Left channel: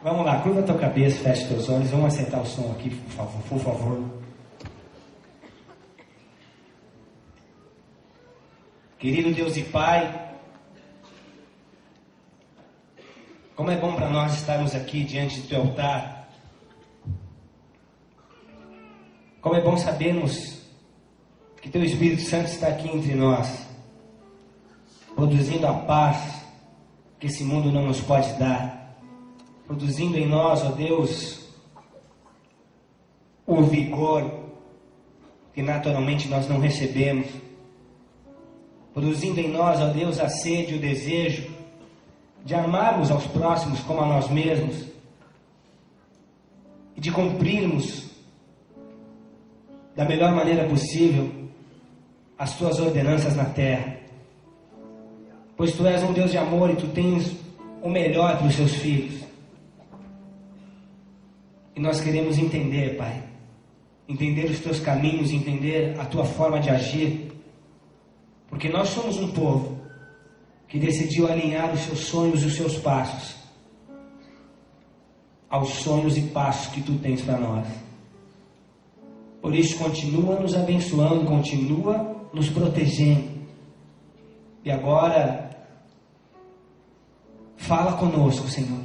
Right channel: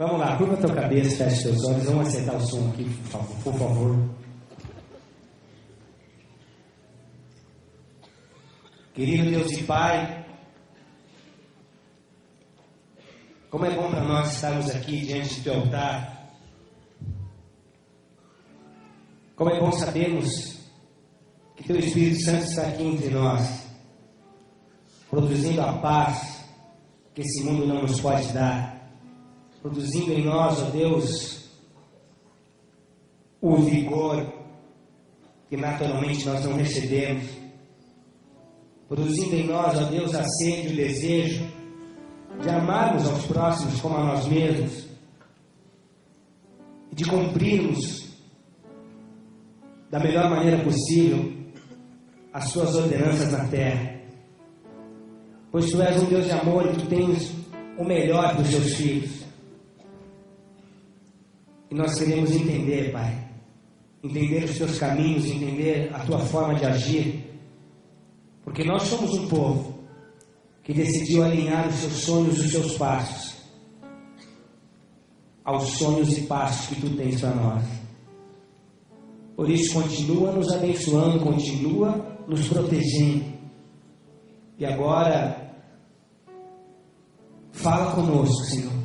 Vamos lá, curva a tua cabeça, fecha teus olhos, vamos acertar o som aqui, por favor. Querido Deus e Pai, como é bom para nós estarmos aqui diante do teu altar. Como é bom sabermos que teu Espírito Santo está aqui entre nós, produzindo a paz que esse mundo não nos pode dar, produzindo em nós, ó Deus, o vigor que naturalmente nós não recebemos, produzindo em nós, ó Deus, a sede e o desejo de amarmos aos próximos como a nós mesmos, e de cumprirmos da melhor maneira possível as suas ordenanças na terra. Pois tu és um Deus de amor e tu tens o melhor dos teus filhos. E nós queremos entender, Pai, entender os teus caminhos, entender a tua forma de agir, porque nós somos um povo que decidiu alinhar os seus sonhos e os seus passos aos sonhos e passos que tu tens para nós. Por isso, continua nos abençoando, continua nos protegendo. E agora, fala conosco, Senhor.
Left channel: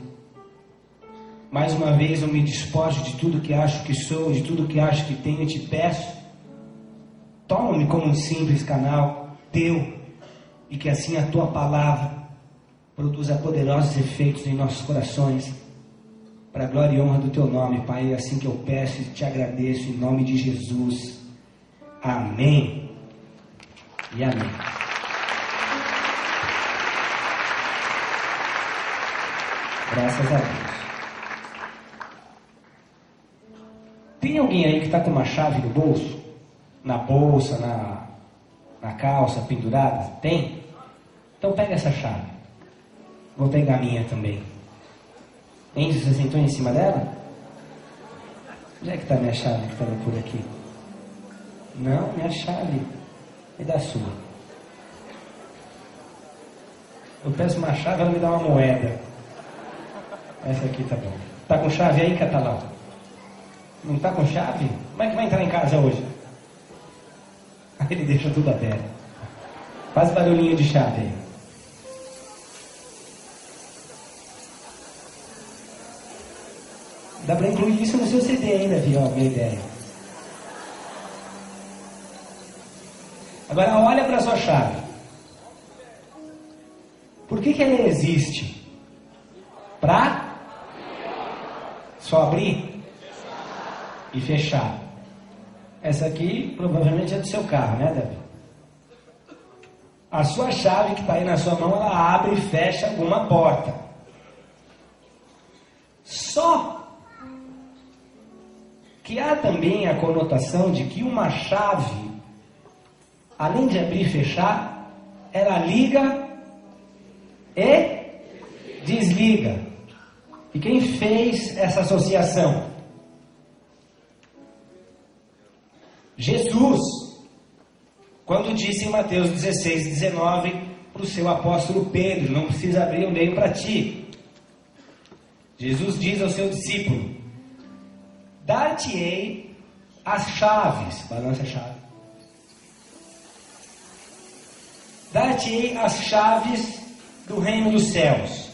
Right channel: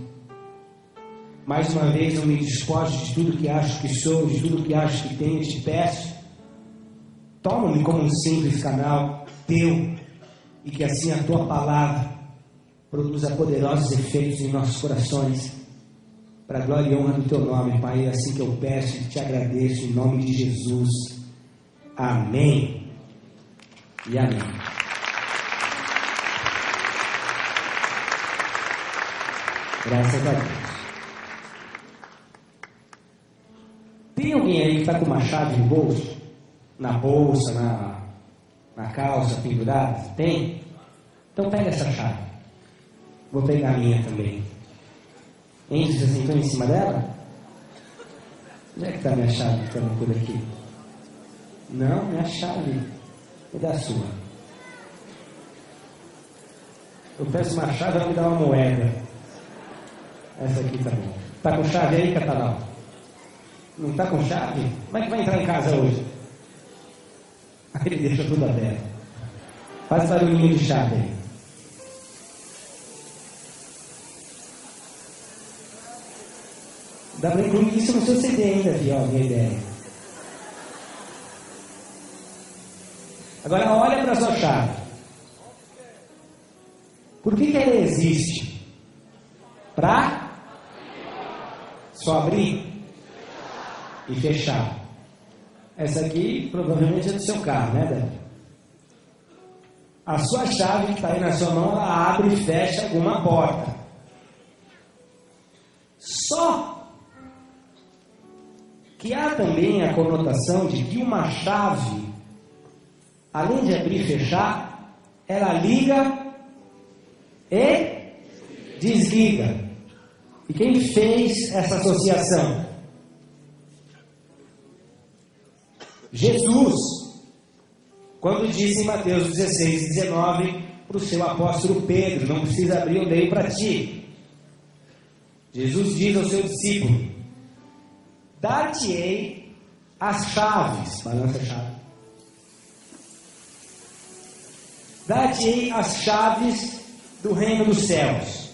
Mais uma vez eu me despojo de tudo que acho que sou, de tudo que acho que tenho e te peço. Toma-me como um simples canal teu, e que assim a tua palavra produza poderosos efeitos em nossos corações, para a glória e honra do teu nome, Pai. É assim que eu peço e te agradeço, em nome de Jesus. Amém e amém. Graças a Deus. Tem alguém aí que está com uma chave no bolso? Na bolsa, na calça, pendurada? Tem? Então pega essa chave. Vou pegar a minha também. Enche vocês estão em cima dela? Onde é que está a minha chave que está por aqui? Não é chave. É da sua. Eu peço uma chave, ela me dá uma moeda. Essa aqui tá bom. Está com chave aí, Catalão? Não está com chave? Como é que vai entrar em casa hoje? Aí ele deixa tudo aberto. Faz barulhinho de chave aí. Dá para incluir isso no seu CD ainda, se alguma ideia. Agora olha para a sua chave. Por que ela existe? Para só abrir e fechar. Essa aqui provavelmente é do seu carro, né, Davi? A sua chave que está aí na sua mão, ela abre e fecha uma porta. Só que há também a conotação de que uma chave, além de abrir e fechar, ela liga e desliga. E quem fez essa associação? Jesus, quando disse em Mateus 16, 19, para o seu apóstolo Pedro: não precisa abrir, eu dei para ti. Jesus diz ao seu discípulo: dar-te-ei as chaves, balança a chave. Dar-te-ei as chaves do reino dos céus.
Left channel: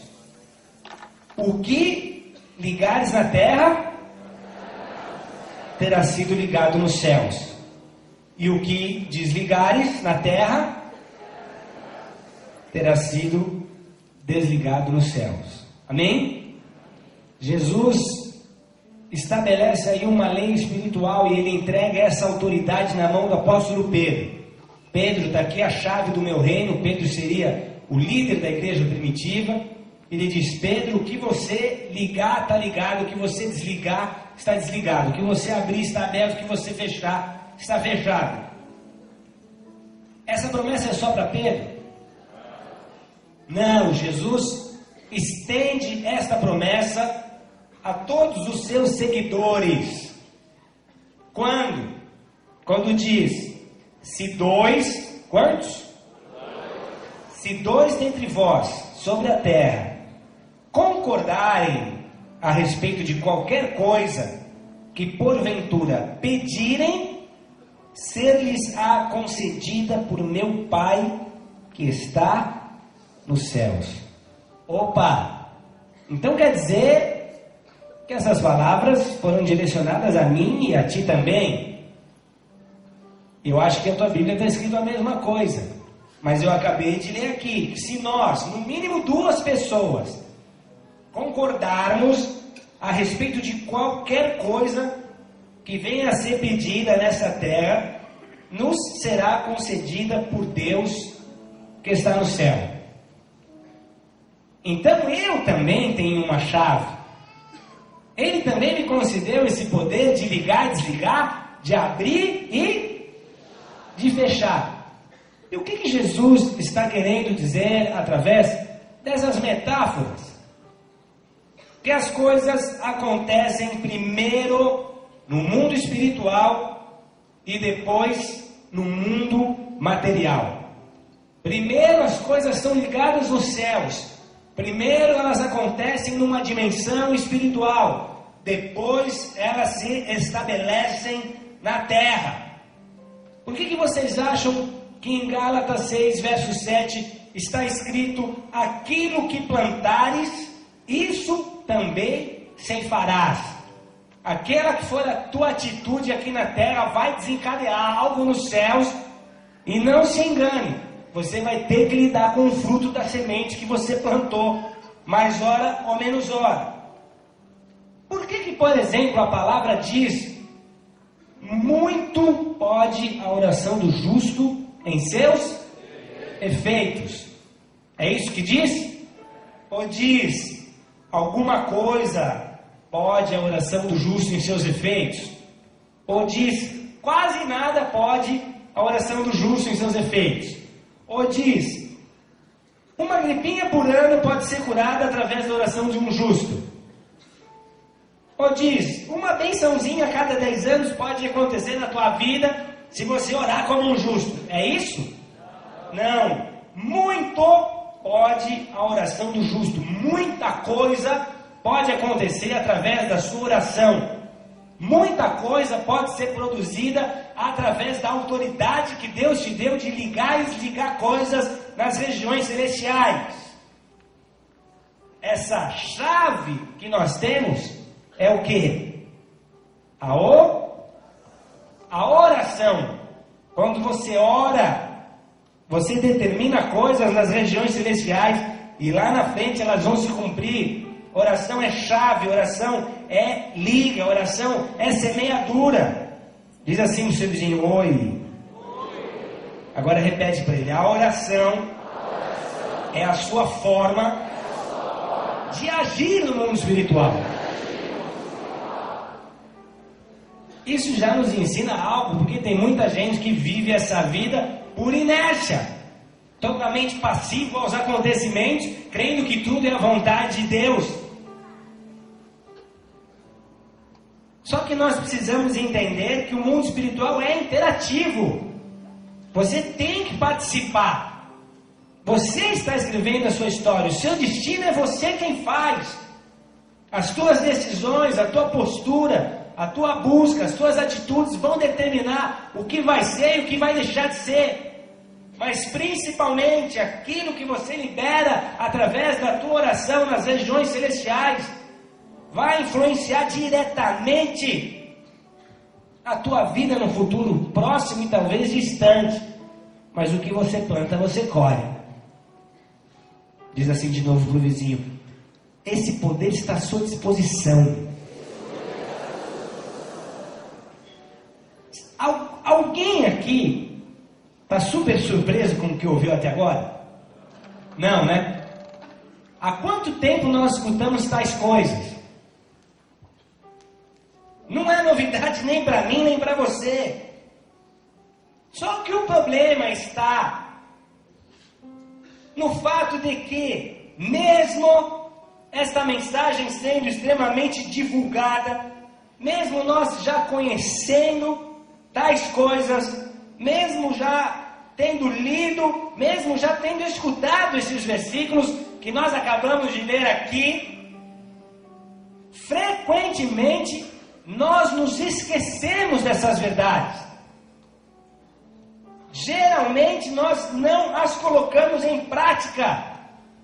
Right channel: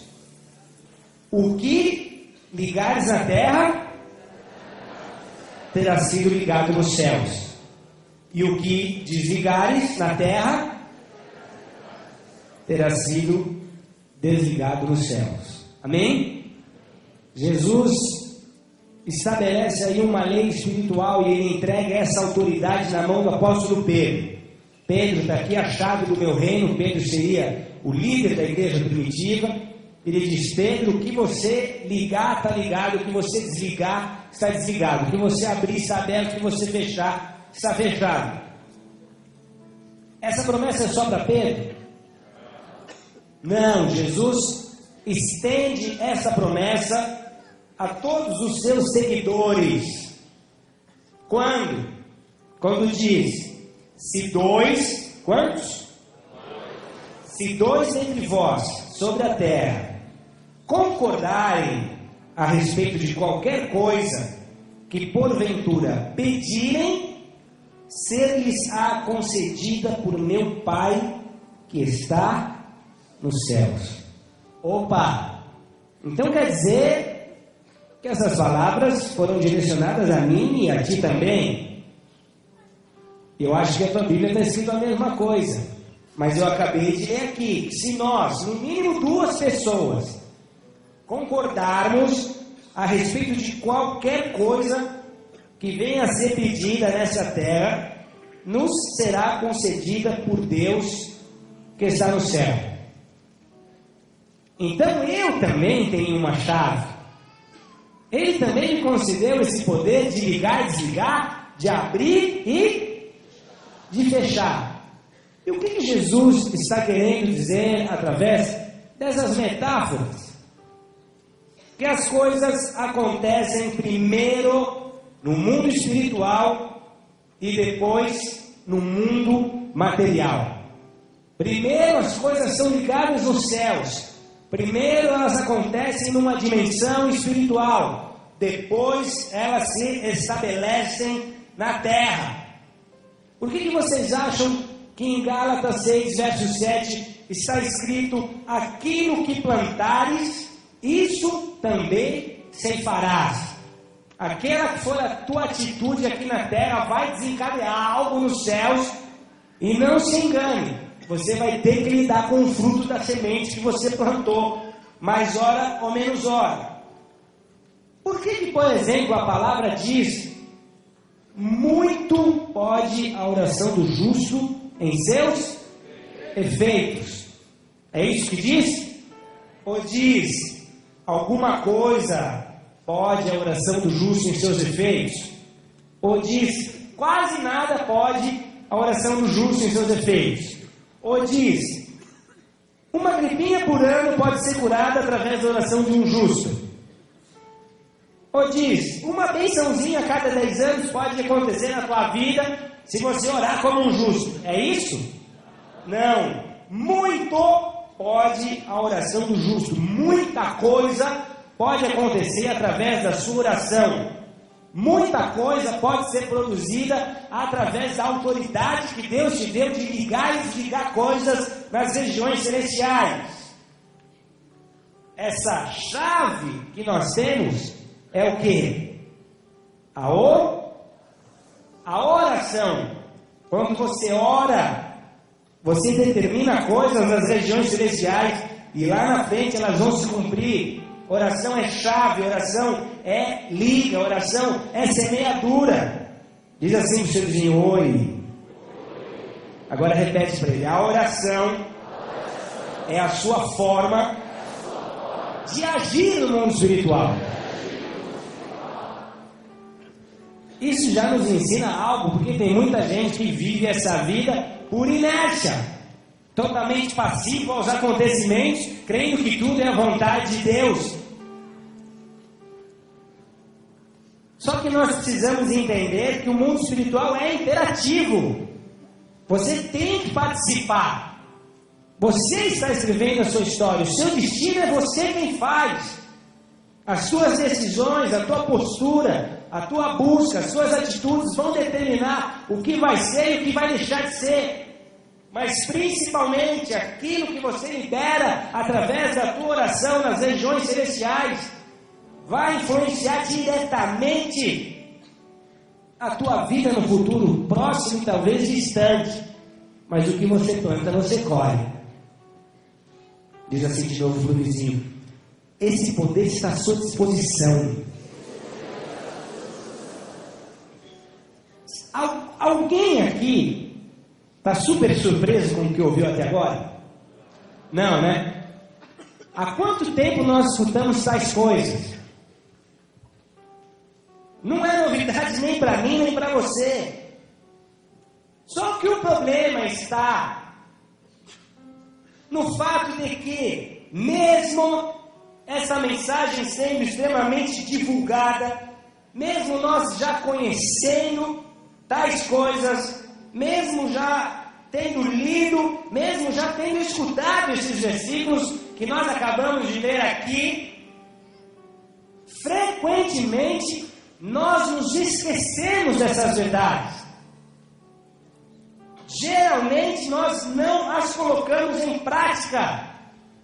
O que ligares na terra terá sido ligado nos céus, e o que desligares na terra terá sido desligado nos céus. Amém? Jesus estabelece aí uma lei espiritual e ele entrega essa autoridade na mão do apóstolo Pedro. Pedro, está aqui a chave do meu reino. Pedro seria o líder da igreja primitiva. Ele diz: Pedro, o que você ligar está ligado, o que você desligar está desligado, o que você abrir está aberto, o que você fechar está fechado. Essa promessa é só para Pedro? Não, Jesus estende essa promessa a todos os seus seguidores. Quando? Quando diz: se dois, quantos? Se dois dentre vós sobre a terra concordarem a respeito de qualquer coisa que porventura pedirem, ser-lhes-á concedida por meu Pai que está nos céus. Opa! Então quer dizer que essas palavras foram direcionadas a mim e a ti também. Eu acho que a tua Bíblia está escrito a mesma coisa. Mas eu acabei de ler aqui que se nós, no mínimo 2 pessoas, concordarmos a respeito de qualquer coisa que venha a ser pedida nessa terra, nos será concedida por Deus que está no céu. Então eu também tenho uma chave. Ele também me concedeu esse poder de ligar e desligar, de abrir e de fechar. E o que Jesus está querendo dizer através dessas metáforas? Que as coisas acontecem primeiro no mundo espiritual e depois no mundo material. Primeiro as coisas são ligadas nos céus. Primeiro elas acontecem numa dimensão espiritual. Depois elas se estabelecem na terra. Por que vocês acham que em Gálatas 6, verso 7 está escrito: aquilo que plantares, isso também ceifarás? Aquela que for a tua atitude aqui na terra vai desencadear algo nos céus. E não se engane, você vai ter que lidar com o fruto da semente que você plantou, mais hora ou menos hora. Por que, por exemplo, a palavra diz: muito pode a oração do justo em seus efeitos? É isso que diz? Ou diz: alguma coisa pode a oração do justo em seus efeitos? Ou diz: quase nada pode a oração do justo em seus efeitos? Ou diz: uma gripinha por ano pode ser curada através da oração de um justo? Ou diz: uma bençãozinha a cada 10 anos pode acontecer na tua vida se você orar como um justo? É isso? Não. Muito pode a oração do justo. Muita coisa pode acontecer através da sua oração. Muita coisa pode ser produzida através da autoridade que Deus te deu de ligar e desligar coisas nas regiões celestiais. Essa chave que nós temos é o quê? A oração. Quando você ora, você determina coisas nas regiões celestiais e lá na frente elas vão se cumprir. Oração é chave, oração é liga, oração é semeadura. Diz assim para o seu vizinho: oi. Agora repete para ele: a oração é a sua forma de agir no mundo espiritual. Isso já nos ensina algo, porque tem muita gente que vive essa vida por inércia, totalmente passiva aos acontecimentos, crendo que tudo é a vontade de Deus. Só que nós precisamos entender que o mundo espiritual é interativo. Você tem que participar. Você está escrevendo a sua história. O seu destino é você quem faz. As suas decisões, a tua postura, a tua busca, as suas atitudes vão determinar o que vai ser e o que vai deixar de ser. Mas principalmente aquilo que você libera através da tua oração nas regiões celestiais vai influenciar diretamente a tua vida no futuro próximo e talvez distante. Mas o que você planta, você colhe. Diz assim de novo para o vizinho: esse poder está à sua disposição. Alguém aqui está super surpreso com o que ouviu até agora? Não, né? Há quanto tempo nós escutamos tais coisas? Não é novidade nem para mim, nem para você. Só que o problema está no fato de que, mesmo essa mensagem sendo extremamente divulgada, mesmo nós já conhecendo tais coisas, mesmo já tendo lido, mesmo já tendo escutado esses versículos que nós acabamos de ler aqui, frequentemente nós nos esquecemos dessas verdades. Geralmente nós não as colocamos em prática.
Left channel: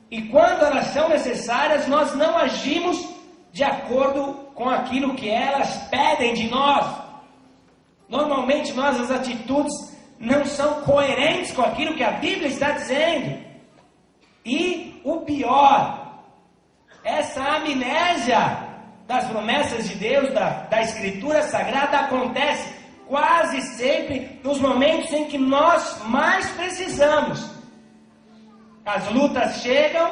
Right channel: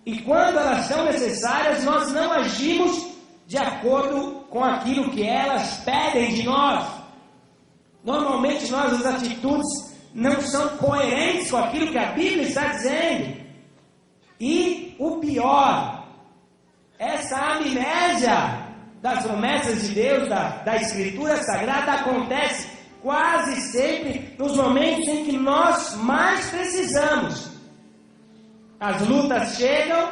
E quando elas são necessárias, nós não agimos de acordo com aquilo que elas pedem de nós. Normalmente nossas atitudes não são coerentes com aquilo que a Bíblia está dizendo. E o pior, essa amnésia das promessas de Deus, da Escritura Sagrada, acontece quase sempre nos momentos em que nós mais precisamos. As lutas chegam,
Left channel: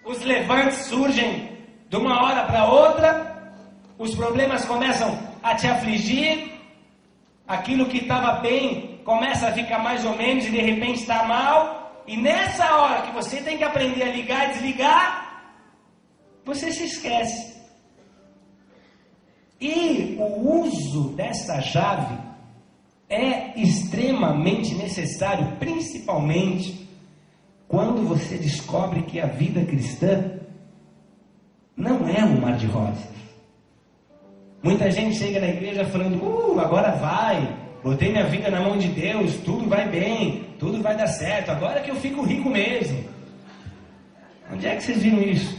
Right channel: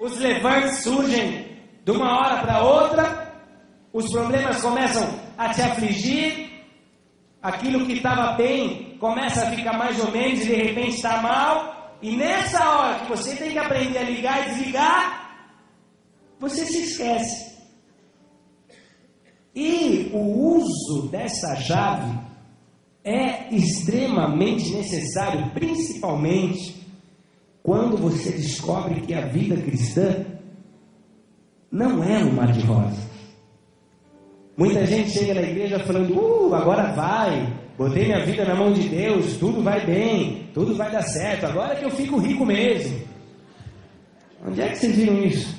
os levantes surgem de uma hora para outra, os problemas começam a te afligir, aquilo que estava bem começa a ficar mais ou menos e de repente está mal, e nessa hora que você tem que aprender a ligar e desligar, você se esquece. E o uso dessa chave é extremamente necessário, principalmente quando você descobre que a vida cristã não é um mar de rosas. Muita gente chega na igreja falando, agora vai, botei minha vida na mão de Deus, tudo vai bem, tudo vai dar certo, agora é que eu fico rico mesmo. Onde é que vocês viram isso?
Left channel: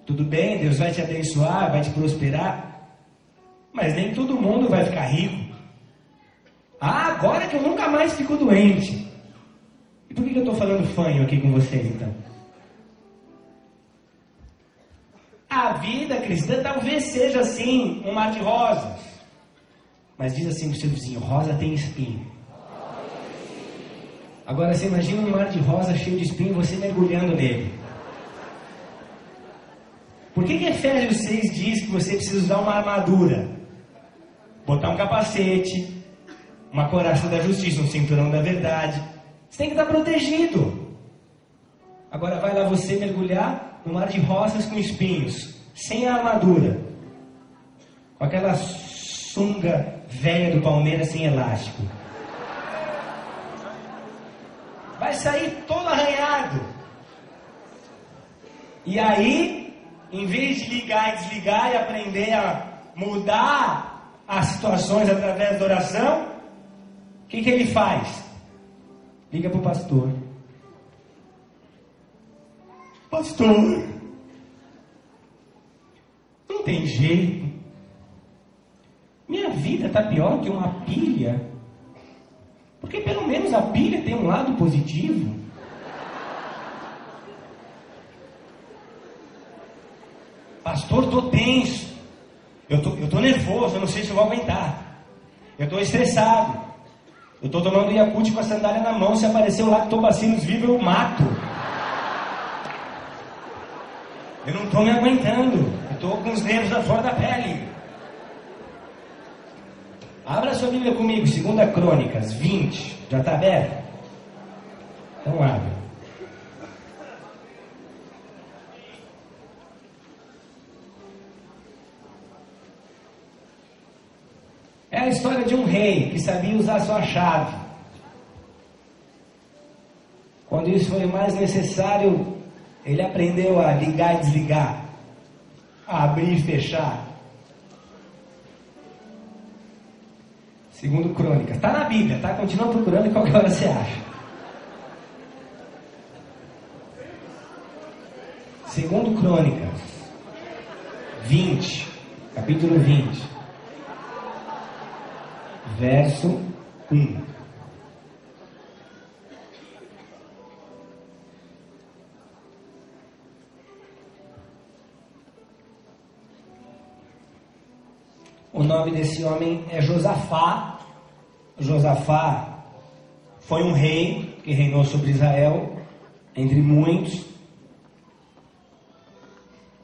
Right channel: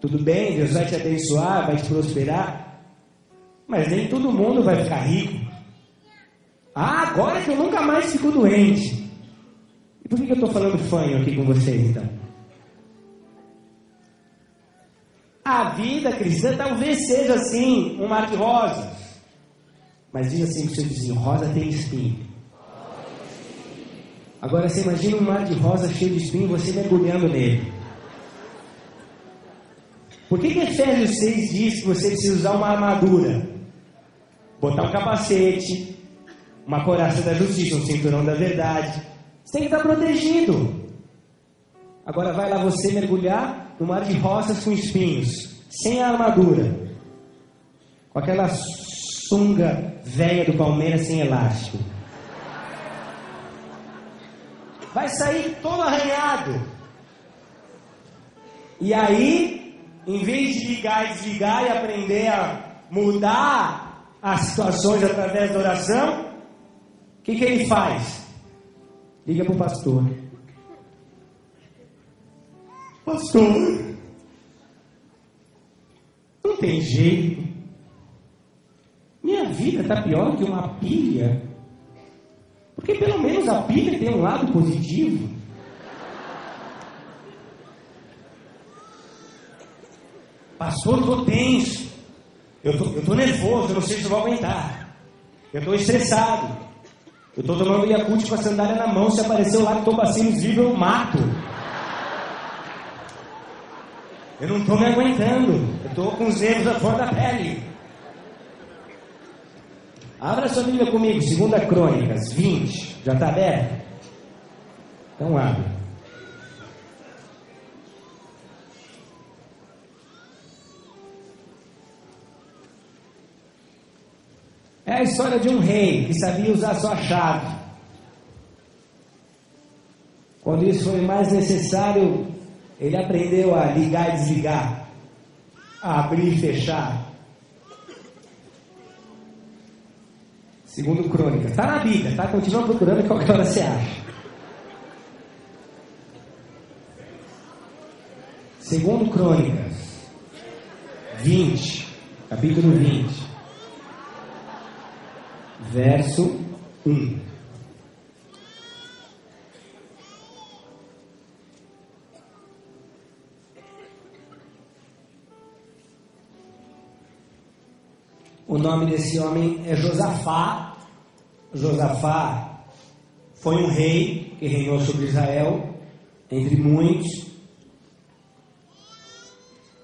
Tudo bem, Deus vai te abençoar, vai te prosperar, mas nem todo mundo vai ficar rico. Agora é que eu nunca mais fico doente. E por que eu estou falando fanho aqui com vocês, então? A vida cristã talvez seja assim, um mar de rosas. Mas diz assim para o seu vizinho, rosa tem espinho. Agora você imagina um mar de rosa cheio de espinho, você mergulhando nele. Por que Efésios 6 diz que você precisa usar uma armadura? Botar um capacete, uma couraça da justiça, um cinturão da verdade. Você tem que estar protegido. Agora vai lá você mergulhar no mar de rosas com espinhos, sem a armadura, com aquela sunga velha do Palmeiras sem elástico. Vai sair todo arranhado. E aí, em vez de ligar e desligar e aprender a mudar as situações através da oração, o que ele faz? Liga para o pastor. Pastor, não tem jeito. Minha vida está pior que uma pilha. Porque pelo menos a pilha tem um lado positivo. Pastor, eu estou tenso. Eu estou nervoso, não sei se vou aguentar. Eu estou estressado. Eu estou tomando Yakult com a sandália na mão. Se aparecer o lactobacilos vivo, eu mato. Eu não estou me aguentando. Eu estou com os dedos à flor da pele. Abra sua Bíblia comigo, 2 Crônicas 20. Já está aberto? Então abre. É a história de um rei que sabia usar a sua chave. Quando isso foi mais necessário, ele aprendeu a ligar e desligar, a abrir e fechar. 2 Crônicas. Está na Bíblia, tá? Continua procurando, qualquer hora você acha. 2 Crônicas 20, capítulo 20. Verso 1. O nome desse homem é Josafá. Josafá foi um rei que reinou sobre Israel, entre muitos,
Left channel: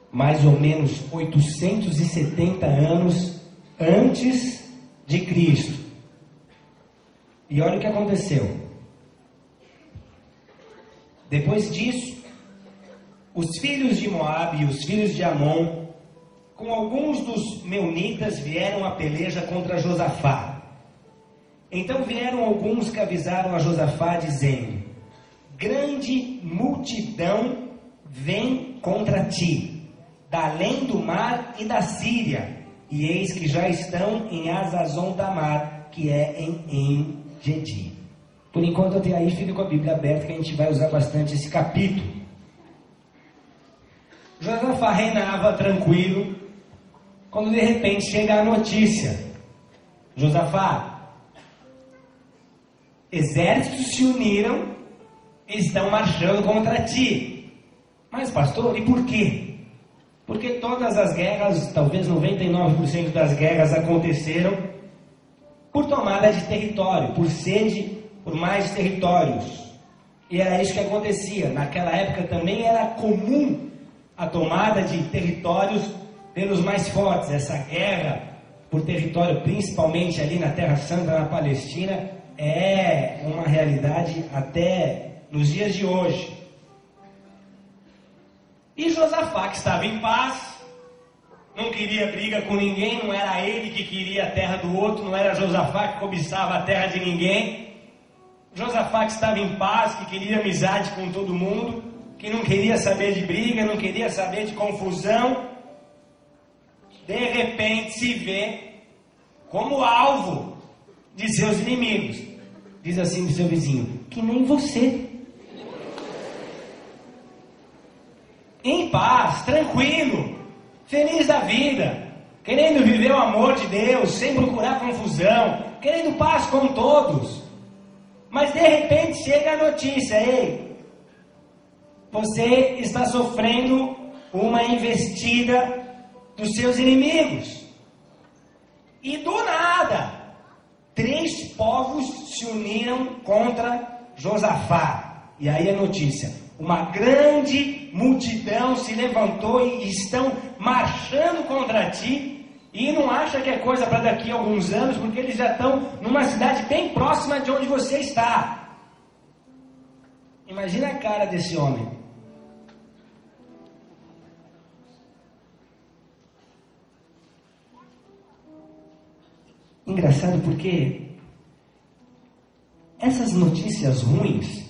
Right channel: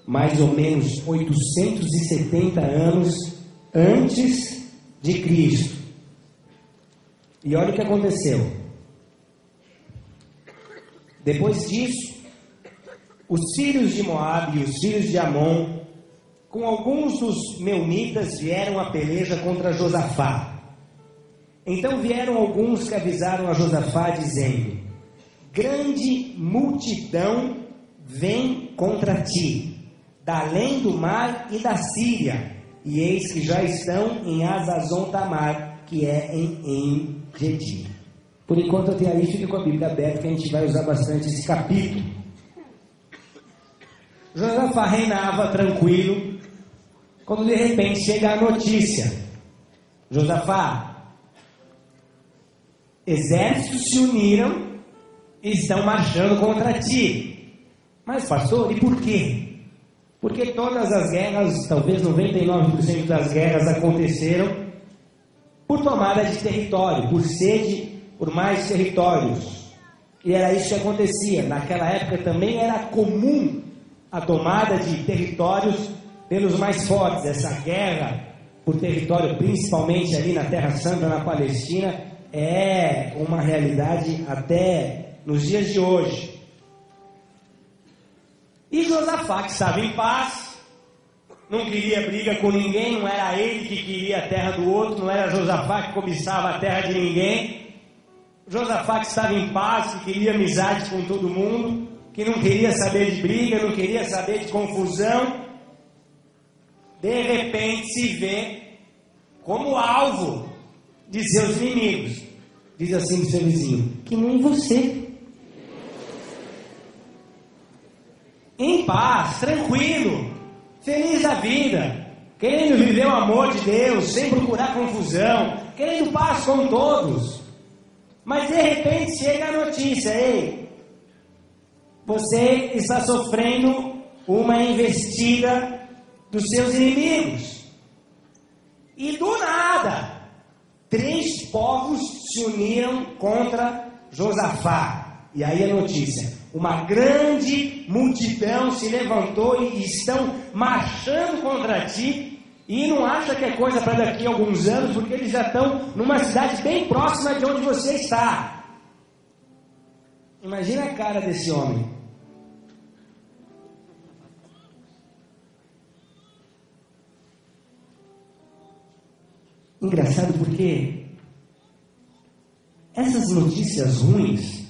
mais ou menos 870 anos antes de Cristo. E olha o que aconteceu. Depois disso, os filhos de Moabe e os filhos de Amon, com alguns dos meunitas, vieram a peleja contra Josafá. Então vieram alguns que avisaram a Josafá, dizendo: grande multidão vem contra ti, da além do mar e da Síria, e eis que já estão em Hazazon Tamar, que é em Engedi. Por enquanto eu tenho ali, fico com a Bíblia aberta, que a gente vai usar bastante esse capítulo. Josafá reinava tranquilo, quando de repente chega a notícia: Josafá, exércitos se uniram e estão marchando contra ti. Mas pastor, e por quê? Porque todas as guerras, talvez 99% das guerras aconteceram por tomada de território, por sede, por mais territórios. E era isso que acontecia. Naquela época também era comum a tomada de territórios pelos mais fortes. Essa guerra por território, principalmente ali na Terra Santa, na Palestina, é uma realidade até nos dias de hoje. E Josafá, que estava em paz, não queria briga com ninguém, não era ele que queria a terra do outro, não era Josafá que cobiçava a terra de ninguém. Josafá que estava em paz, que queria amizade com todo mundo, que não queria saber de briga, não queria saber de confusão, de repente se vê como alvo de seus inimigos. Diz assim pro seu vizinho: que nem você. Em paz, tranquilo, feliz da vida, querendo viver o amor de Deus, sem procurar confusão, querendo paz com todos. Mas de repente chega a notícia: ei, você está sofrendo uma investida dos seus inimigos. E do nada, 3 povos se uniram contra Josafá. E aí a notícia: uma grande multidão se levantou e estão marchando contra ti, e não acha que é coisa para daqui a alguns anos, porque eles já estão numa cidade bem próxima de onde você está. Imagina a cara desse homem. Engraçado porque essas notícias ruins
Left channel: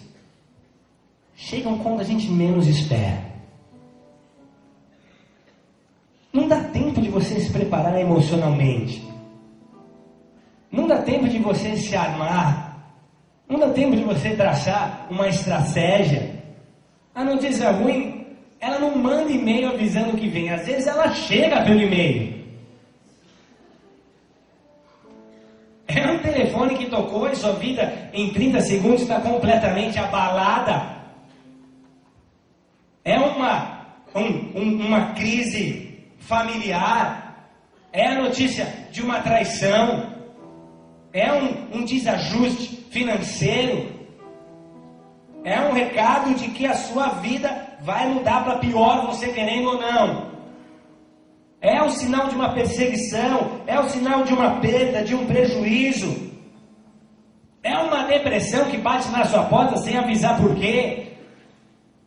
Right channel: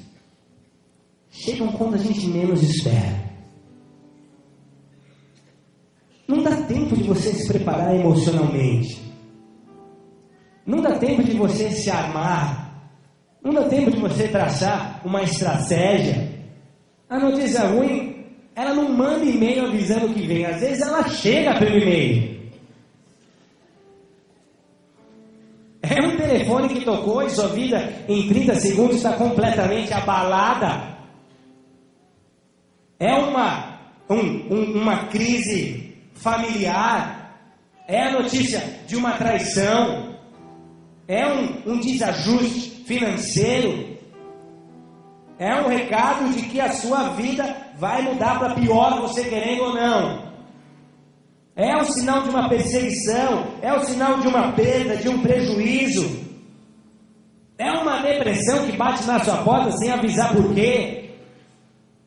chegam quando a gente menos espera. Não dá tempo de você se preparar emocionalmente. Não dá tempo de você se armar. Não dá tempo de você traçar uma estratégia. A notícia ruim, ela não manda e-mail avisando que vem. Às vezes ela chega pelo e-mail. É um telefone que tocou e sua vida em 30 segundos está completamente abalada. É uma crise familiar, é a notícia de uma traição, é um desajuste financeiro, é um recado de que a sua vida vai mudar para pior, você querendo ou não. É o sinal de uma perseguição, é o sinal de uma perda, de um prejuízo. É uma depressão que bate na sua porta sem avisar por quê.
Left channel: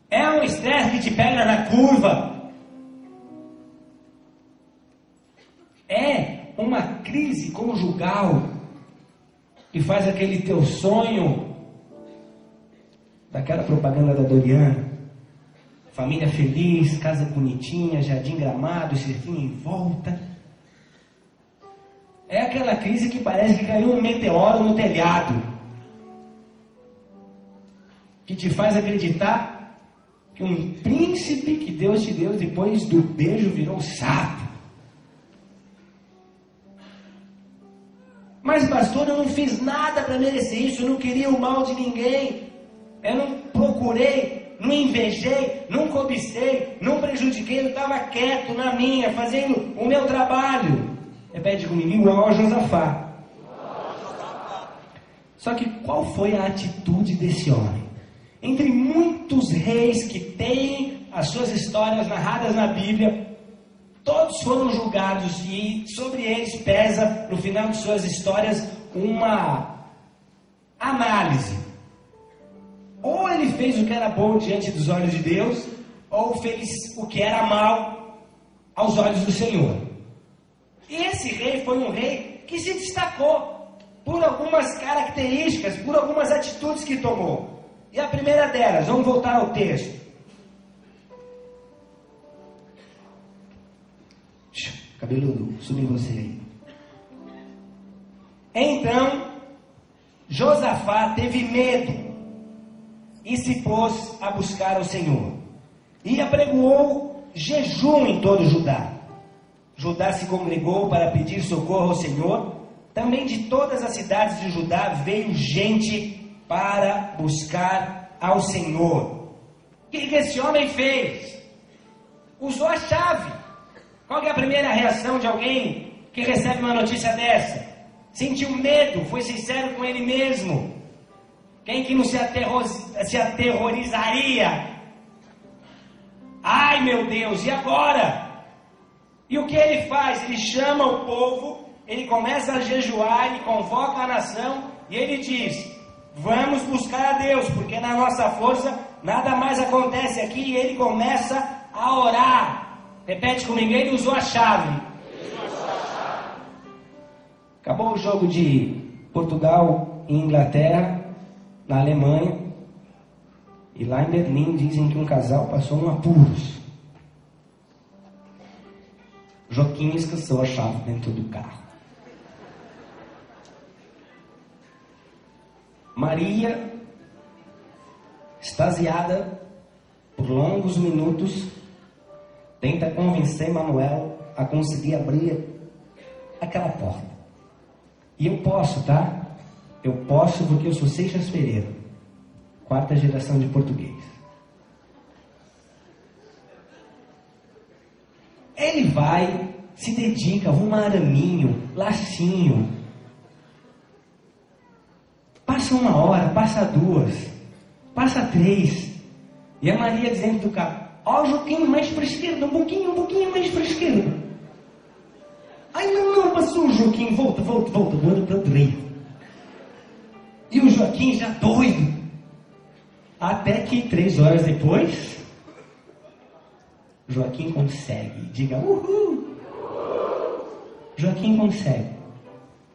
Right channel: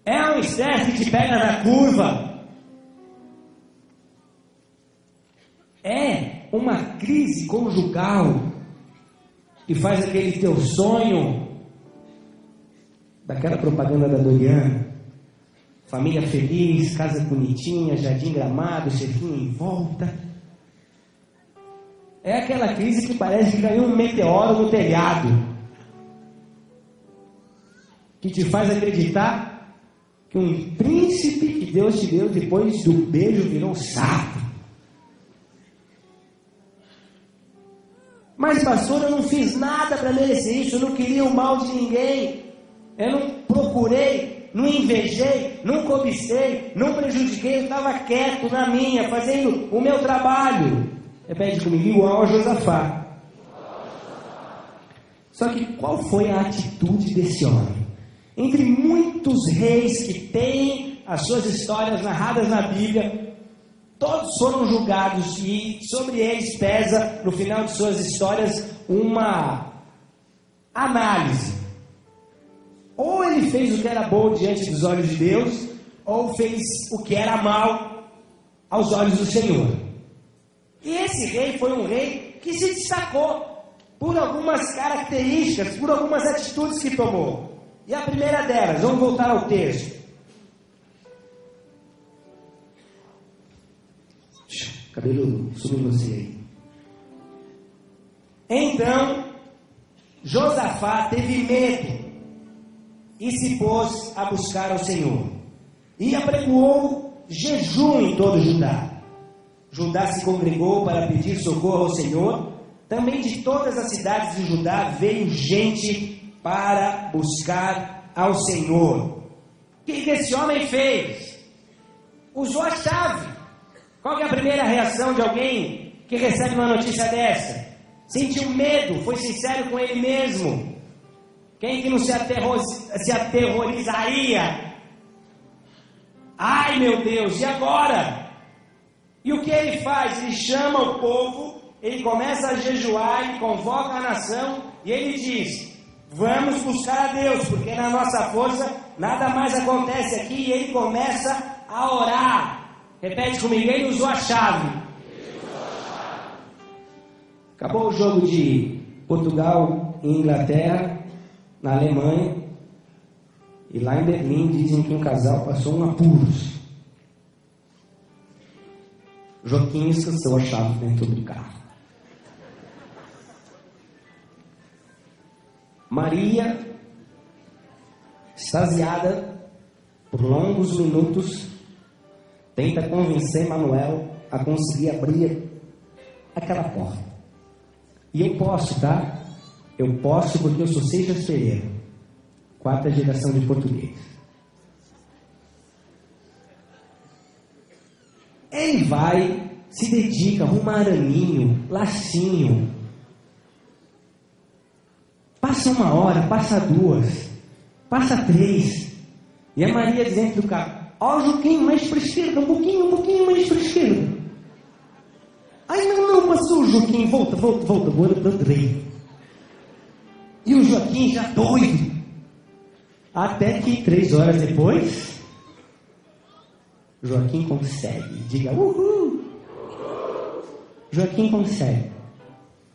É um estresse que te pega na curva. É uma crise conjugal que faz aquele teu sonho, daquela propaganda da Doriana, família feliz, casa bonitinha, jardim gramado, cerquinho em volta. É aquela crise que parece que caiu um meteoro no telhado, que te faz acreditar que um príncipe que Deus te deu depois do beijo virou um sapo. Mas pastor, eu não fiz nada para merecer isso, eu não queria o mal de ninguém, eu não procurei, não invejei, não cobicei, não prejudiquei, eu estava quieto na minha, fazendo o meu trabalho. Repete comigo, igual a Josafá. Só que qual foi a atitude desse homem? Entre muitos reis que têm as suas histórias narradas na Bíblia, todos foram julgados e sobre eles pesa, no final de suas histórias, uma análise. Ou ele fez o que era bom diante dos olhos de Deus, ou fez o que era mal aos olhos do Senhor. E esse rei foi um rei que se destacou por algumas características, por algumas atitudes que tomou. E a primeira delas, vamos voltar ao texto. cabelo sobrancelha. Então, Josafá teve medo e se pôs a buscar o Senhor. E apregoou jejum em todo Judá. Judá se congregou para pedir socorro ao Senhor. Também de todas as cidades de Judá veio gente para buscar ao Senhor. O que esse homem fez? Usou a chave. Qual é a primeira reação de alguém que recebe uma notícia dessa? Sentiu medo, foi sincero com ele mesmo. Quem que não se aterrorizaria? Ai meu Deus, e agora? E o que ele faz? Ele chama o povo, ele começa a jejuar, ele convoca a nação e ele diz: vamos buscar a Deus, porque na nossa força nada mais acontece aqui. E ele começa a orar. Repete comigo, ele usou a chave. Acabou o jogo de Portugal e Inglaterra, na Alemanha, e lá em Berlim dizem que um casal passou um apuros. Joaquim esqueceu a chave dentro do carro. Maria, extasiada por longos minutos, tenta convencer Manuel a conseguir abrir aquela porta. E eu posso, tá? Eu posso porque eu sou Seixas Pereira, 4ª geração de português. Ele vai, se dedica a um araminho, lacinho. Passa 1 hora, passa 2, passa 3. E a Maria dentro do carro: ó, um pouquinho mais para a esquerda, um pouquinho mais para a esquerda. Ai, não, passou o Joaquim, volta, agora para o trem. E o Joaquim já doido. Até que 3 horas depois, Joaquim consegue. Diga, uhul. Joaquim consegue.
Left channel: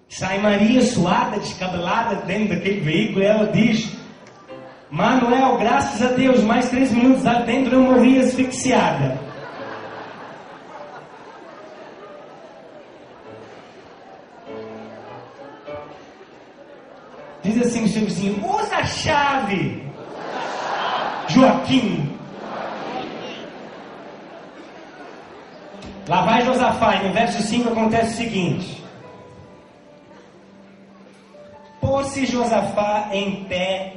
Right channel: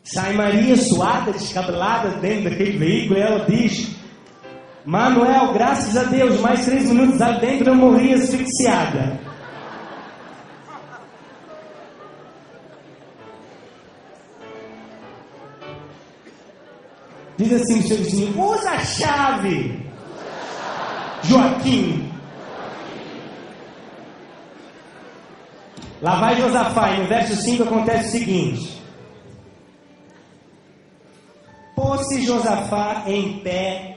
Sai Maria suada, descabelada dentro daquele veículo, e ela diz: Manuel, graças a Deus, mais 3 minutos lá dentro eu morri asfixiada. Diz assim o seu vizinho: usa a chave, Joaquim. Lá vai Josafá, no verso 5 acontece o seguinte: pôs-se Josafá em pé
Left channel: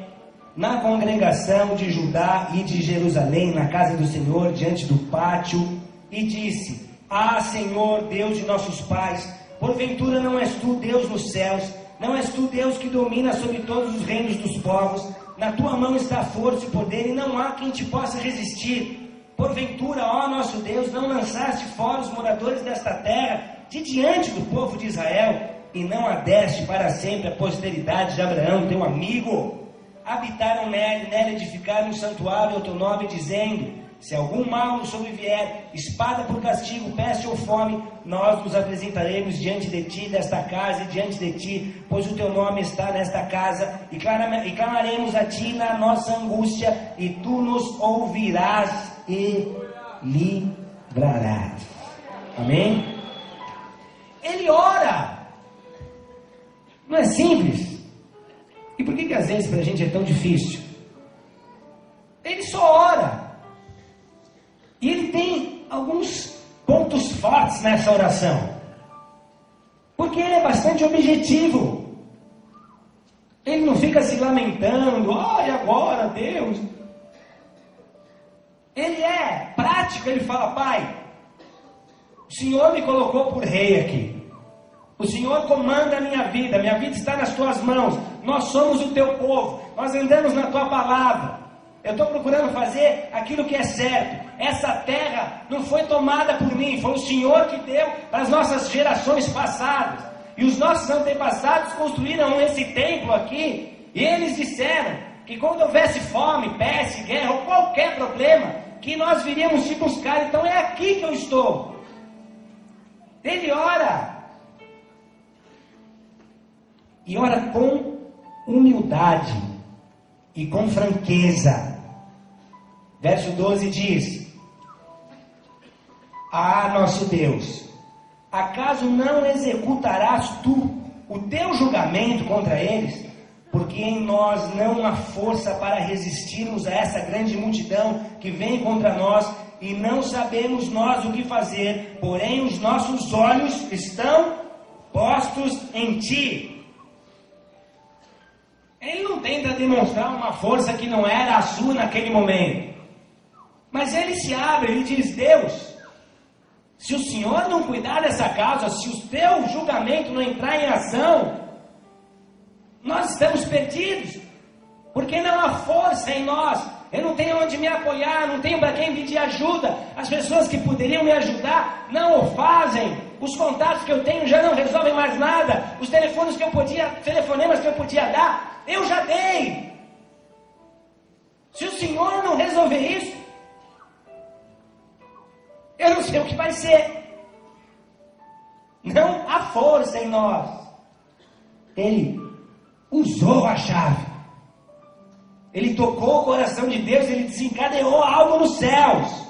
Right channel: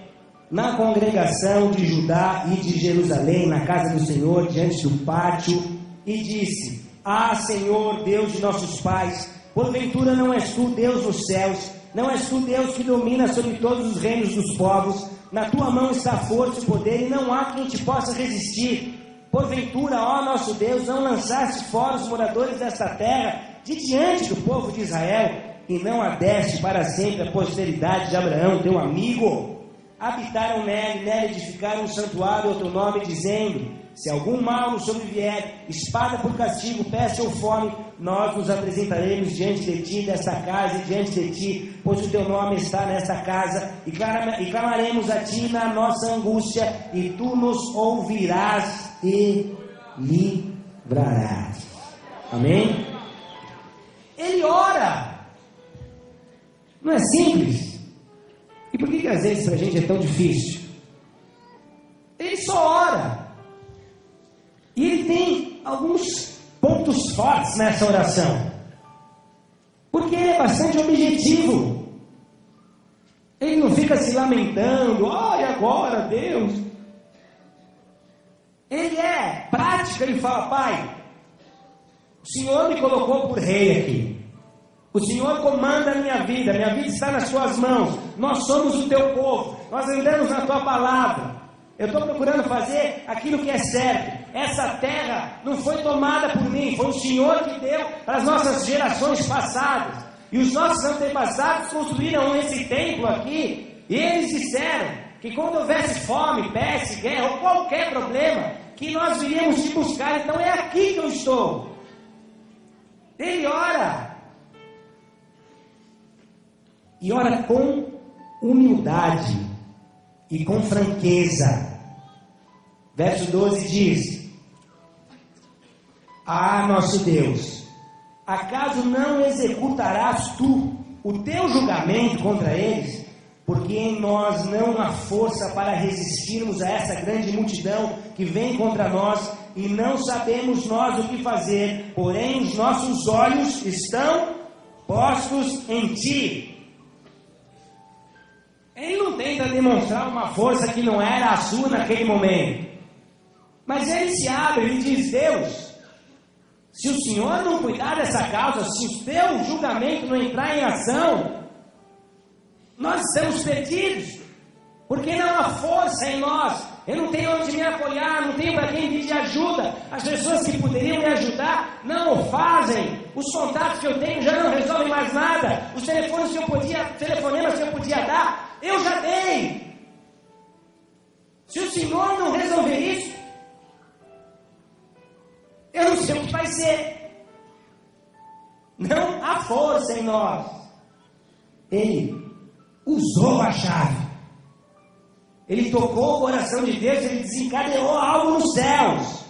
na congregação de Judá e de Jerusalém, na casa do Senhor, diante do pátio, e disse: ah, Senhor, Deus de nossos pais, porventura não és tu Deus nos céus, não és tu Deus que domina sobre todos os reinos dos povos, na tua mão está força e poder, e não há quem te possa resistir. Porventura, ó nosso Deus, não lançaste fora os moradores desta terra de diante do povo de Israel, e não a deste para sempre a posteridade de Abraão, teu amigo. Habitaram nele edificaram um santuário ao teu nome, dizendo: se algum mal nos sobrevier, espada por castigo, peste ou fome, nós nos apresentaremos diante de ti, desta casa, e diante de ti, pois o teu nome está nesta casa, e clamaremos a ti na nossa angústia, e tu nos ouvirás e livrarás. Amém? Ele ora. Não é simples? E por que às vezes para a gente é tão difícil? Ele só ora. E ele tem alguns pontos fortes nessa oração. Porque ele é bastante objetivo. Ele não fica se lamentando: olha agora, Deus. Ele é prático, ele fala: pai, o Senhor me colocou por rei aqui. O Senhor comanda a minha vida está nas suas mãos. Nós somos o teu povo, nós andamos na tua palavra. Eu estou procurando fazer aquilo que é certo. Essa terra não foi tomada por mim, foi o Senhor que deu para as nossas gerações passadas. E os nossos antepassados construíram esse templo aqui, e eles disseram que quando houvesse fome, peste, guerra ou qualquer problema, que nós viríamos te buscar. Então é aqui que eu estou. Ele ora. E ora com humildade e com franqueza. Verso 12 diz: ah, nosso Deus, acaso não executarás tu o teu julgamento contra eles? Porque em nós não há força para resistirmos a essa grande multidão que vem contra nós, e não sabemos nós o que fazer, porém os nossos olhos estão postos em ti. Ele não tenta demonstrar uma força que não era a sua naquele momento, mas ele se abre, ele diz: Deus, se o Senhor não cuidar dessa causa, se o teu julgamento não entrar em ação, nós estamos perdidos, porque não há força em nós. Eu não tenho onde me apoiar, não tenho para quem pedir ajuda. As pessoas que poderiam me ajudar não o fazem. Os contatos que eu tenho já não resolvem mais nada. Os telefonemas que eu podia dar, eu já dei. Se o Senhor não resolver isso, eu não sei o que vai ser. Não há força em nós. Ele usou a chave. Ele tocou o coração de Deus, ele desencadeou algo nos céus.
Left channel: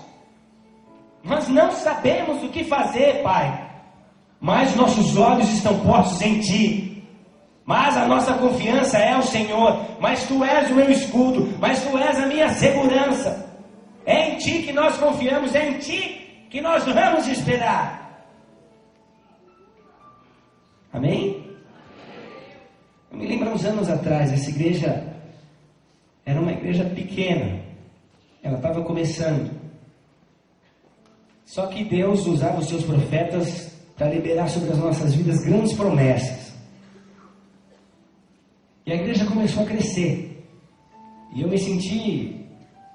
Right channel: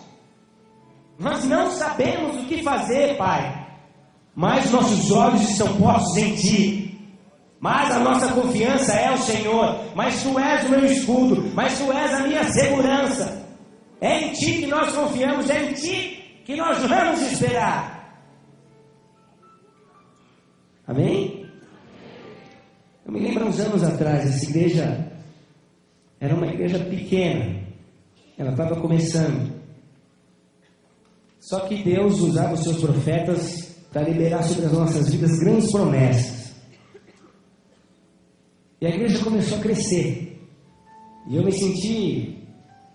Nós não sabemos o que fazer, Pai, mas nossos olhos estão postos em Ti. Mas a nossa confiança é o Senhor. Mas Tu és o meu escudo, mas Tu és a minha segurança. É em Ti que nós confiamos, é em Ti que nós vamos esperar. Amém? Eu me lembro uns anos atrás, essa igreja era uma igreja pequena, ela estava começando. Só que Deus usava os seus profetas para liberar sobre as nossas vidas grandes promessas. E a igreja começou a crescer. E eu me senti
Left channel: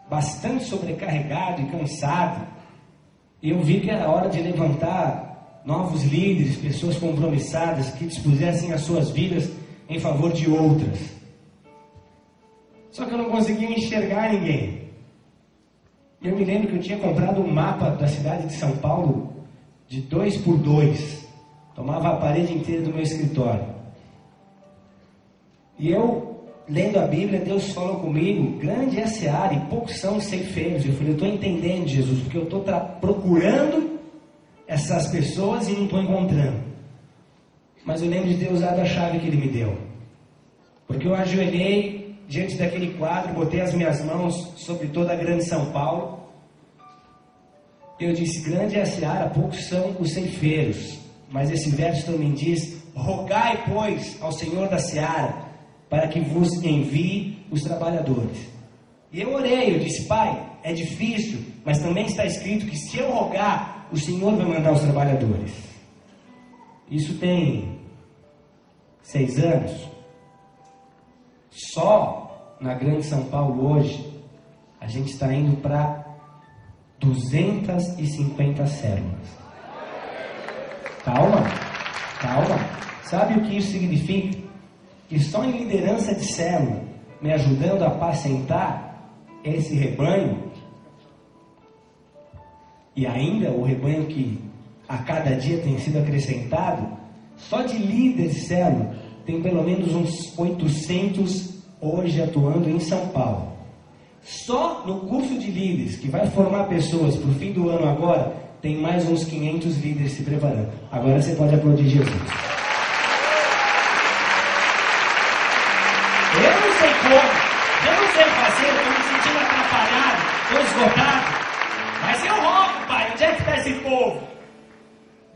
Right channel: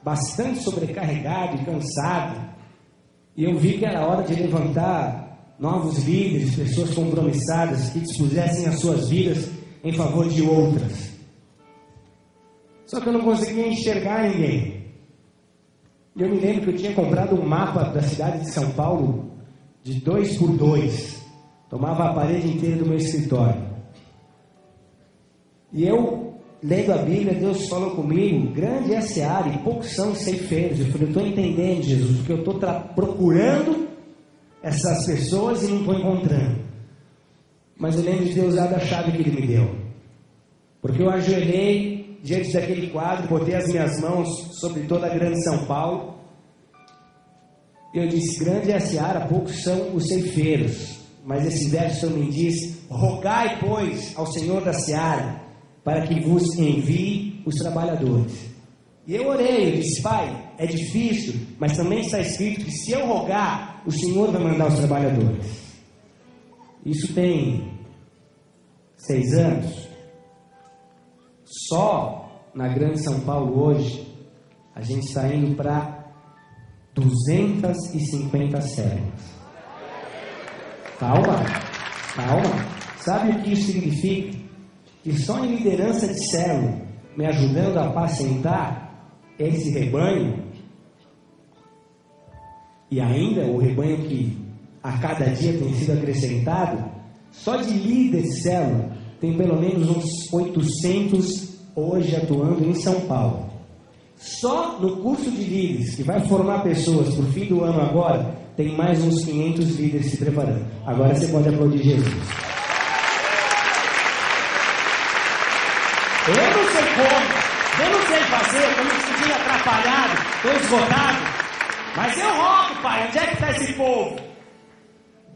bastante sobrecarregado e cansado. E eu vi que era hora de levantar novos líderes, pessoas compromissadas que dispusessem as suas vidas em favor de outras. Só que eu não conseguia enxergar ninguém. Eu me lembro que eu tinha comprado um mapa da cidade de São Paulo de 2x2. Tomava a parede inteira do meu escritório. E eu, lendo a Bíblia, Deus falou comigo: grande é a seara e poucos são os ceifeiros. Eu falei: eu estou entendendo, Jesus, porque eu estou procurando essas pessoas e não estou encontrando. Mas eu lembro de Deus dar a chave que Ele me deu. Porque eu ajoelhei diante daquele quadro, botei as minhas mãos sobre toda a grande São Paulo. E eu disse: grande é a seara, poucos são os ceifeiros. Mas esse verso também diz: rogai, pois, ao Senhor da seara, para que vos envie os trabalhadores. E eu orei, eu disse: Pai, é difícil, mas também está escrito que se eu rogar, o Senhor vai mandar os trabalhadores. Isso tem 6 anos. Só na Grande São Paulo hoje, a gente está indo para 250 células. Calma. Sabe o que isso significa? Que só em liderança de célula, me ajudando a apacentar esse rebanho, e ainda o rebanho que a cada dia tem sido acrescentado, só de líderes de célula, tem pelo menos uns 800 hoje atuando em São Paulo. Só no curso de líderes, que vai formar pessoas para o fim do ano agora, tem mais uns 500 líderes se preparando. Agora você pode aplaudir Jesus. Eu não sei como, eu não sei fazer, eu não consegui atrapalhar, estou esgotado, mas eu rogo, Pai, onde é que está esse povo?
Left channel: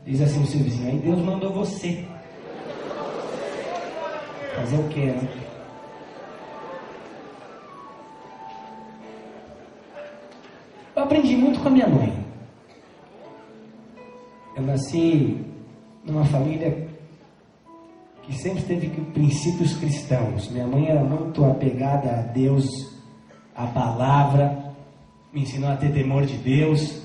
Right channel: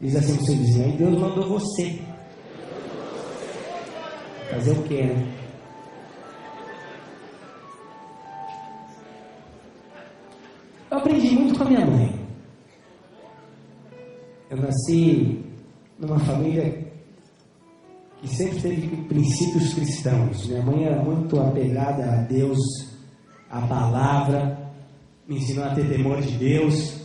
Diz assim o seu vizinho: aí Deus mandou você. Fazer o quê, né? Eu aprendi muito com a minha mãe. Eu nasci numa família que sempre teve princípios cristãos. Minha mãe era muito apegada a Deus, à palavra, me ensinou a ter temor de Deus.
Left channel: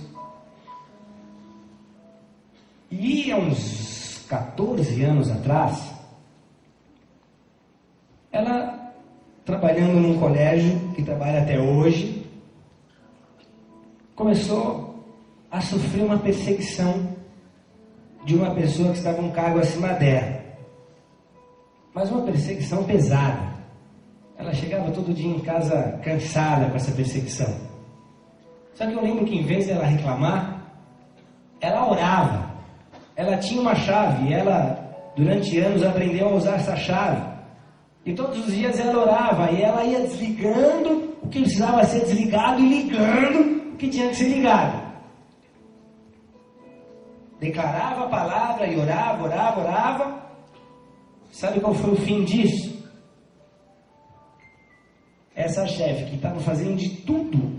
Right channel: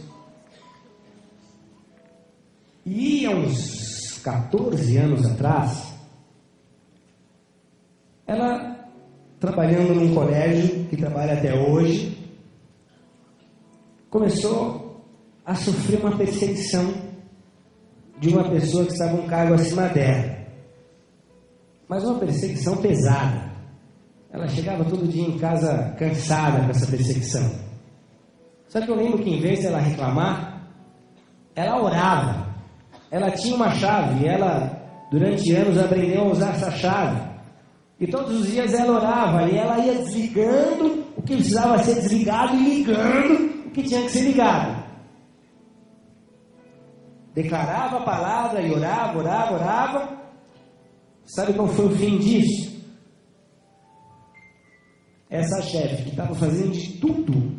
E há uns 14 anos atrás, ela, trabalhando num colégio que trabalha até hoje, começou a sofrer uma perseguição de uma pessoa que estava um cargo acima dela. Mas uma perseguição pesada. Ela chegava todo dia em casa cansada dessa perseguição. Só que eu lembro que em vez de ela reclamar, ela orava. ela tinha uma chave, e ela, durante anos, aprendeu a usar essa chave. E todos os dias ela orava, e ela ia desligando o que precisava ser desligado e ligando o que tinha que ser ligado. Declarava a palavra e orava. Sabe qual foi o fim disso? Essa chefe que estava fazendo de tudo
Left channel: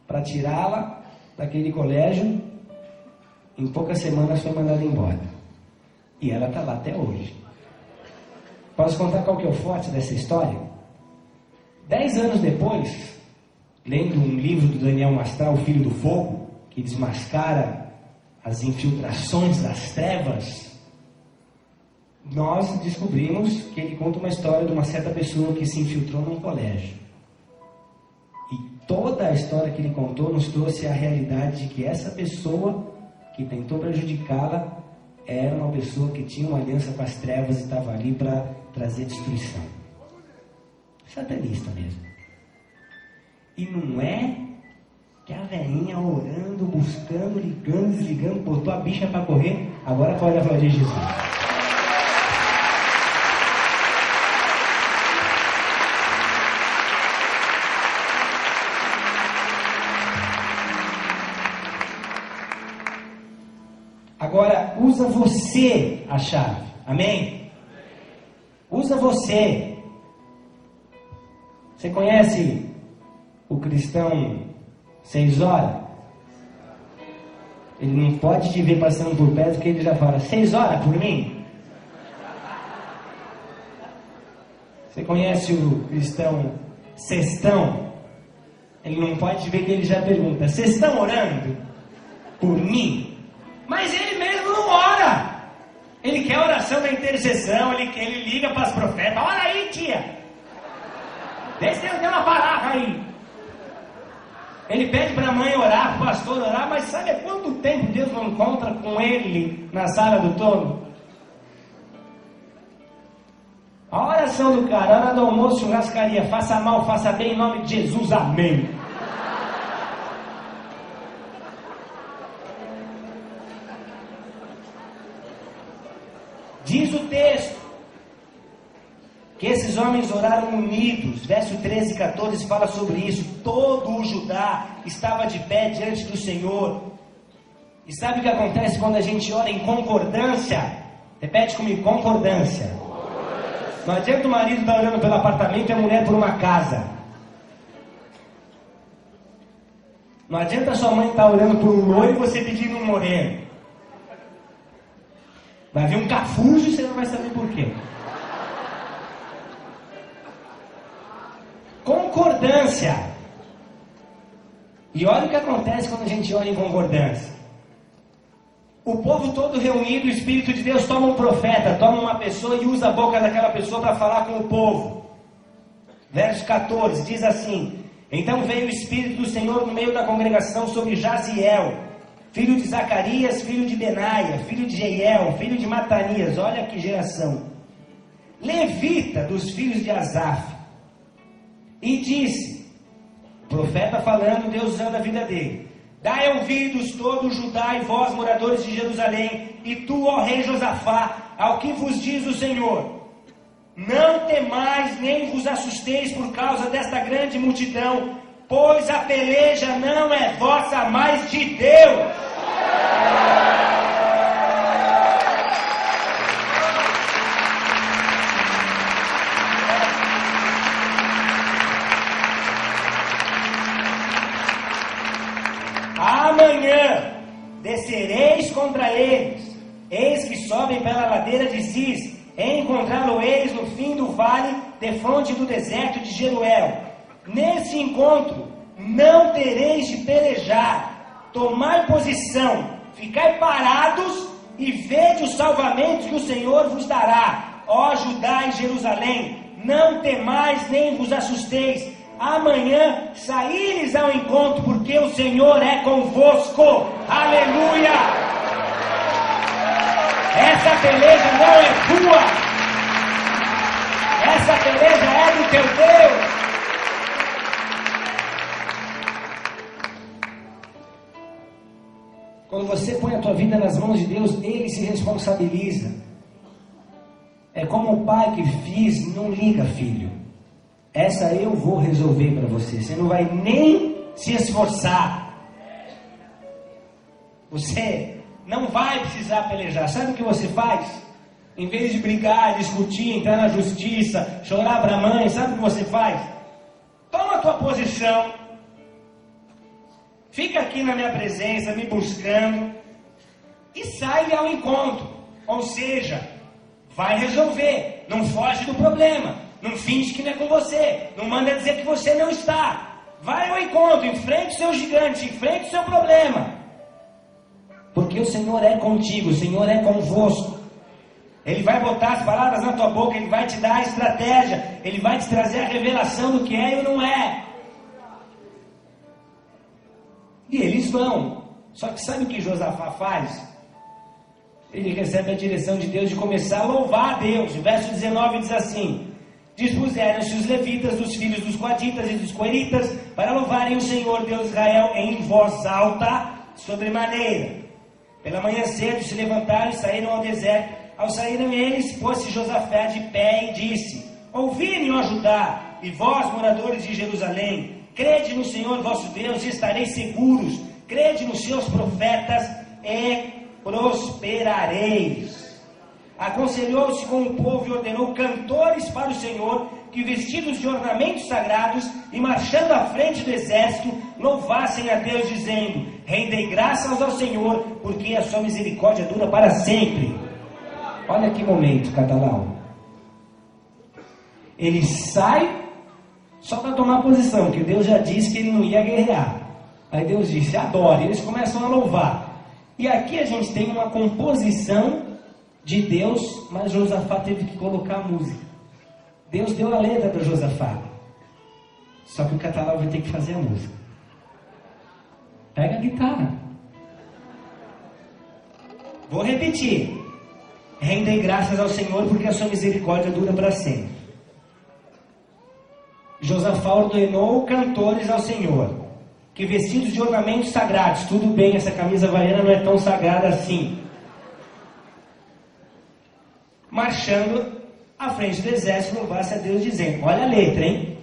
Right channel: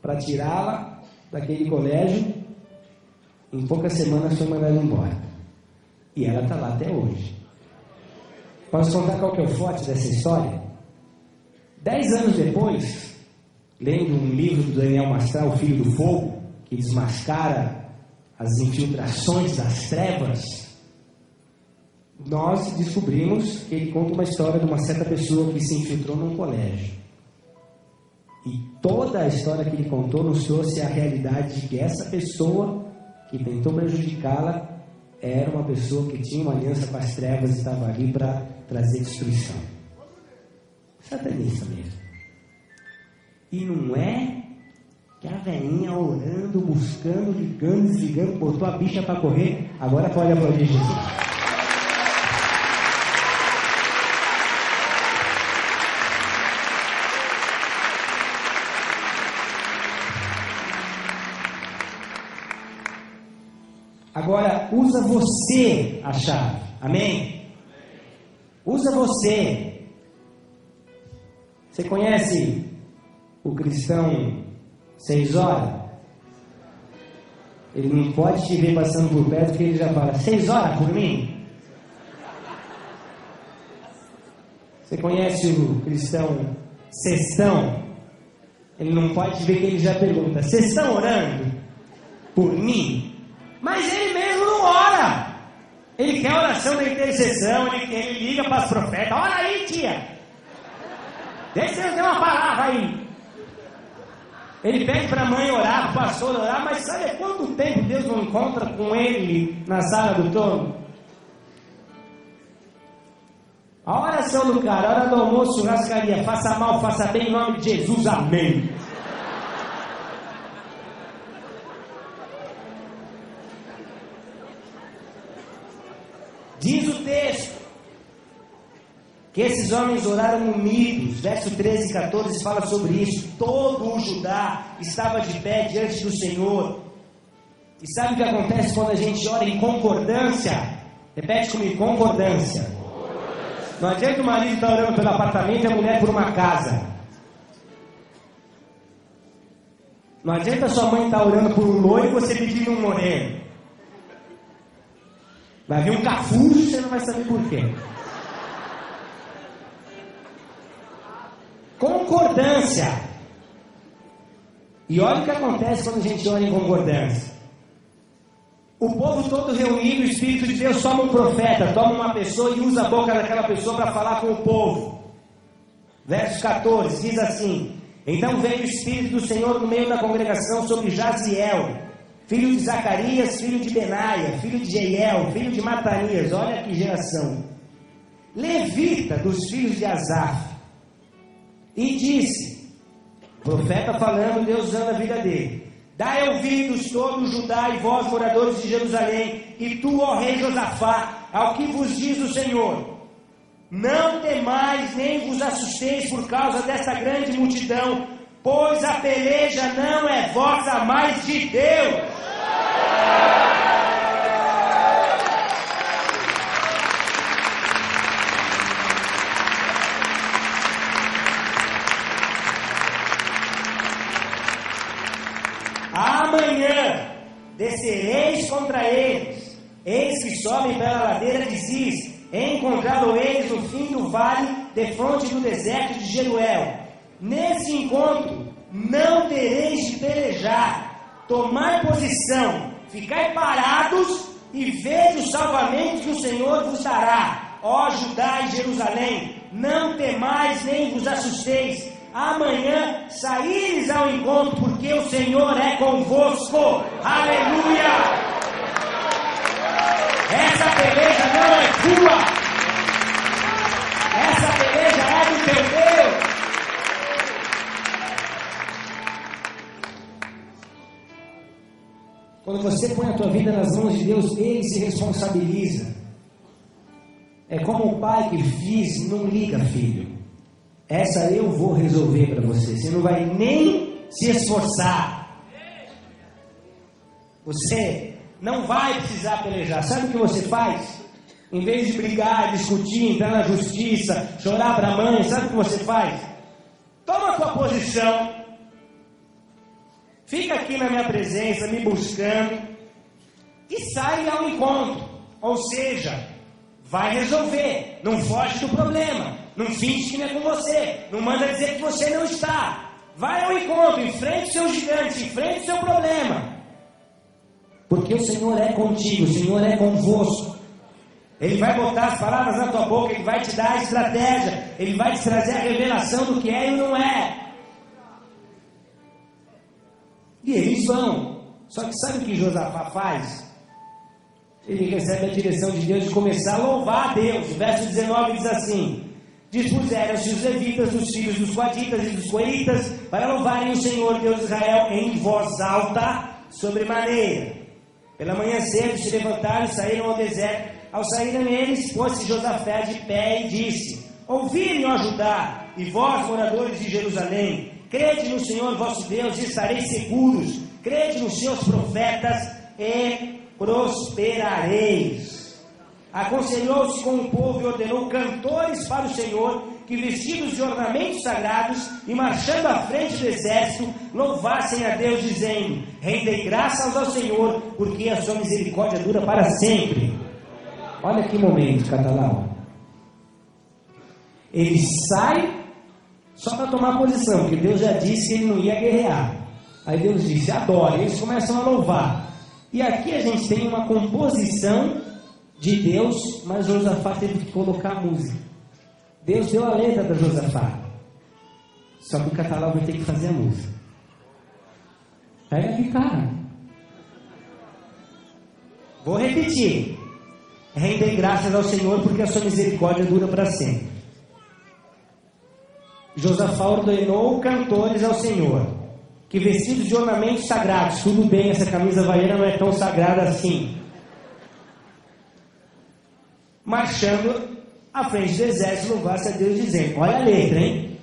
para tirá-la daquele colégio, em poucas semanas foi mandada embora. E ela está lá até hoje. Posso contar qual que é o forte dessa história? 10 anos depois, lendo um livro do Daniel Mastral, O Filho do Fogo, que desmascara as infiltrações das trevas, nós descobrimos que ele conta uma história de uma certa pessoa que se infiltrou num colégio. E toda a história que ele contou nos trouxe a realidade de que essa pessoa que tentou prejudicá-la era uma pessoa que tinha uma aliança com as trevas e estava ali para trazer destruição. Satanista mesmo. E não é que a velhinha orando, buscando, ligando, desligando, botou a bicha para correr, agora pode aplaudir Jesus. Agora, usa você a chave. Amém? Usa você. Você conhece o cristão 6 horas? Ele não pode te ver passando por perto, porque ele já fala 6 horas por mim? Você conhece o cristão sextão? Ele não pode te ver, que ele já pergunta: vocês estão orando por mim? Mas ele mesmo não ora. Ele quer oração da intercessão, ele liga para os profetas: ora aí, tia, deixa eu ver uma palavra aí. Ele pede para a mãe orar, para o pastor orar, mas sabe quanto tempo Deus não encontra com ele na sala do trono? A hora é seu lugar, a hora do almoço, churrascaria, faça mal, faça bem, em nome de Jesus, amém. Diz o texto que esses homens oraram unidos. Verso 13 e 14 fala sobre isso. Todo o Judá estava de pé diante do Senhor. E sabe o que acontece quando a gente ora em concordância? Repete comigo: concordância. Não adianta que o marido está orando pelo apartamento e a mulher por uma casa. Não adianta sua mãe estar orando por um loiro e você pedir um moreno. Vai vir um cafujo e você não vai saber por quê. Concordância. E olha o que acontece quando a gente ora em concordância. O povo todo reunido, o Espírito de Deus toma um profeta, toma uma pessoa e usa a boca daquela pessoa para falar com o povo. Verso 14 diz assim: então veio o Espírito do Senhor no meio da congregação sobre Jaziel, filho de Zacarias, filho de Benaia, filho de Jeiel, filho de Matanias. Olha que geração. Levita dos filhos de Asaf. E disse, profeta falando, Deus usando a vida dele: dai ouvidos todo Judá e vós, moradores de Jerusalém, e tu, ó rei Josafá, ao que vos diz o Senhor: não temais nem vos assusteis por causa desta grande multidão, pois a peleja não é vossa, mas de Deus. Amanhã descereis contra eles, eis que sobe pela ladeira de Cis, encontraram eles no fim do vale, defronte do deserto de Jeruel. Nesse encontro não tereis de pelejar, tomar posição, ficai parados e vede o salvamento que o Senhor vos dará, ó Judá e Jerusalém. Não temais nem vos assusteis, amanhã saíres ao encontro, porque o Senhor é convosco. Aleluia! Essa peleja não é tua, essa peleja é do teu Deus. Quando você põe a tua vida nas mãos de Deus, Deus, Ele se responsabiliza. É como o pai que fiz, não liga, filho. Essa eu vou resolver para você. Você não vai nem se esforçar. Você não vai precisar pelejar. Sabe o que você faz? Em vez de brigar, discutir, entrar na justiça, chorar para a mãe, sabe o que você faz? Toma a tua posição. Fica aqui na minha presença, me buscando. E sai ao encontro. Ou seja, vai resolver. Não foge do problema. Não finge que não é com você. Não manda dizer que você não está. Vai ao encontro, enfrente o seu gigante, enfrente o seu problema. Porque o Senhor é contigo, o Senhor é convosco. Ele vai botar as palavras na tua boca, Ele vai te dar a estratégia, Ele vai te trazer a revelação do que é e não é. E eles vão. Só que sabe o que Josafá faz? Ele recebe a direção de Deus de começar a louvar a Deus. Verso 19 diz assim: dispuseram-se os levitas, os filhos dos quatitas e dos coeritas, para louvarem o Senhor Deus de Israel em voz alta, sobremaneira. Pela manhã cedo se levantaram e saíram ao deserto. Ao saírem eles, pôs-se Josafá de pé e disse: ouvi-me, ó Judá, e vós, moradores de Jerusalém, crede no Senhor vosso Deus e estareis seguros, crede nos seus profetas e prosperareis. Aconselhou-se com o povo e ordenou cantores para o Senhor, que vestidos de ornamentos sagrados e marchando à frente do exército, louvassem a Deus, dizendo: rendei graças ao Senhor, porque a sua misericórdia dura para sempre. Olha que momento, Catalão. Ele sai só para tomar posição, porque Deus já disse que ele não ia guerrear. Aí Deus diz: adore. Eles começam a louvar. E aqui a gente tem uma composição de Deus, mas Josafá teve que colocar a música. Deus deu a letra para Josafá. Só que o Catalão vai ter que fazer a música. Pega a guitarra. Vou repetir. Rendem graças ao Senhor, porque a sua misericórdia dura para sempre. Josafá ordenou cantores ao Senhor, que vestidos de ornamentos sagrados, tudo bem, essa camisa havaiana não é tão sagrada assim, marchando à frente do exército, louvasse a Deus, dizendo: olha a letra, hein?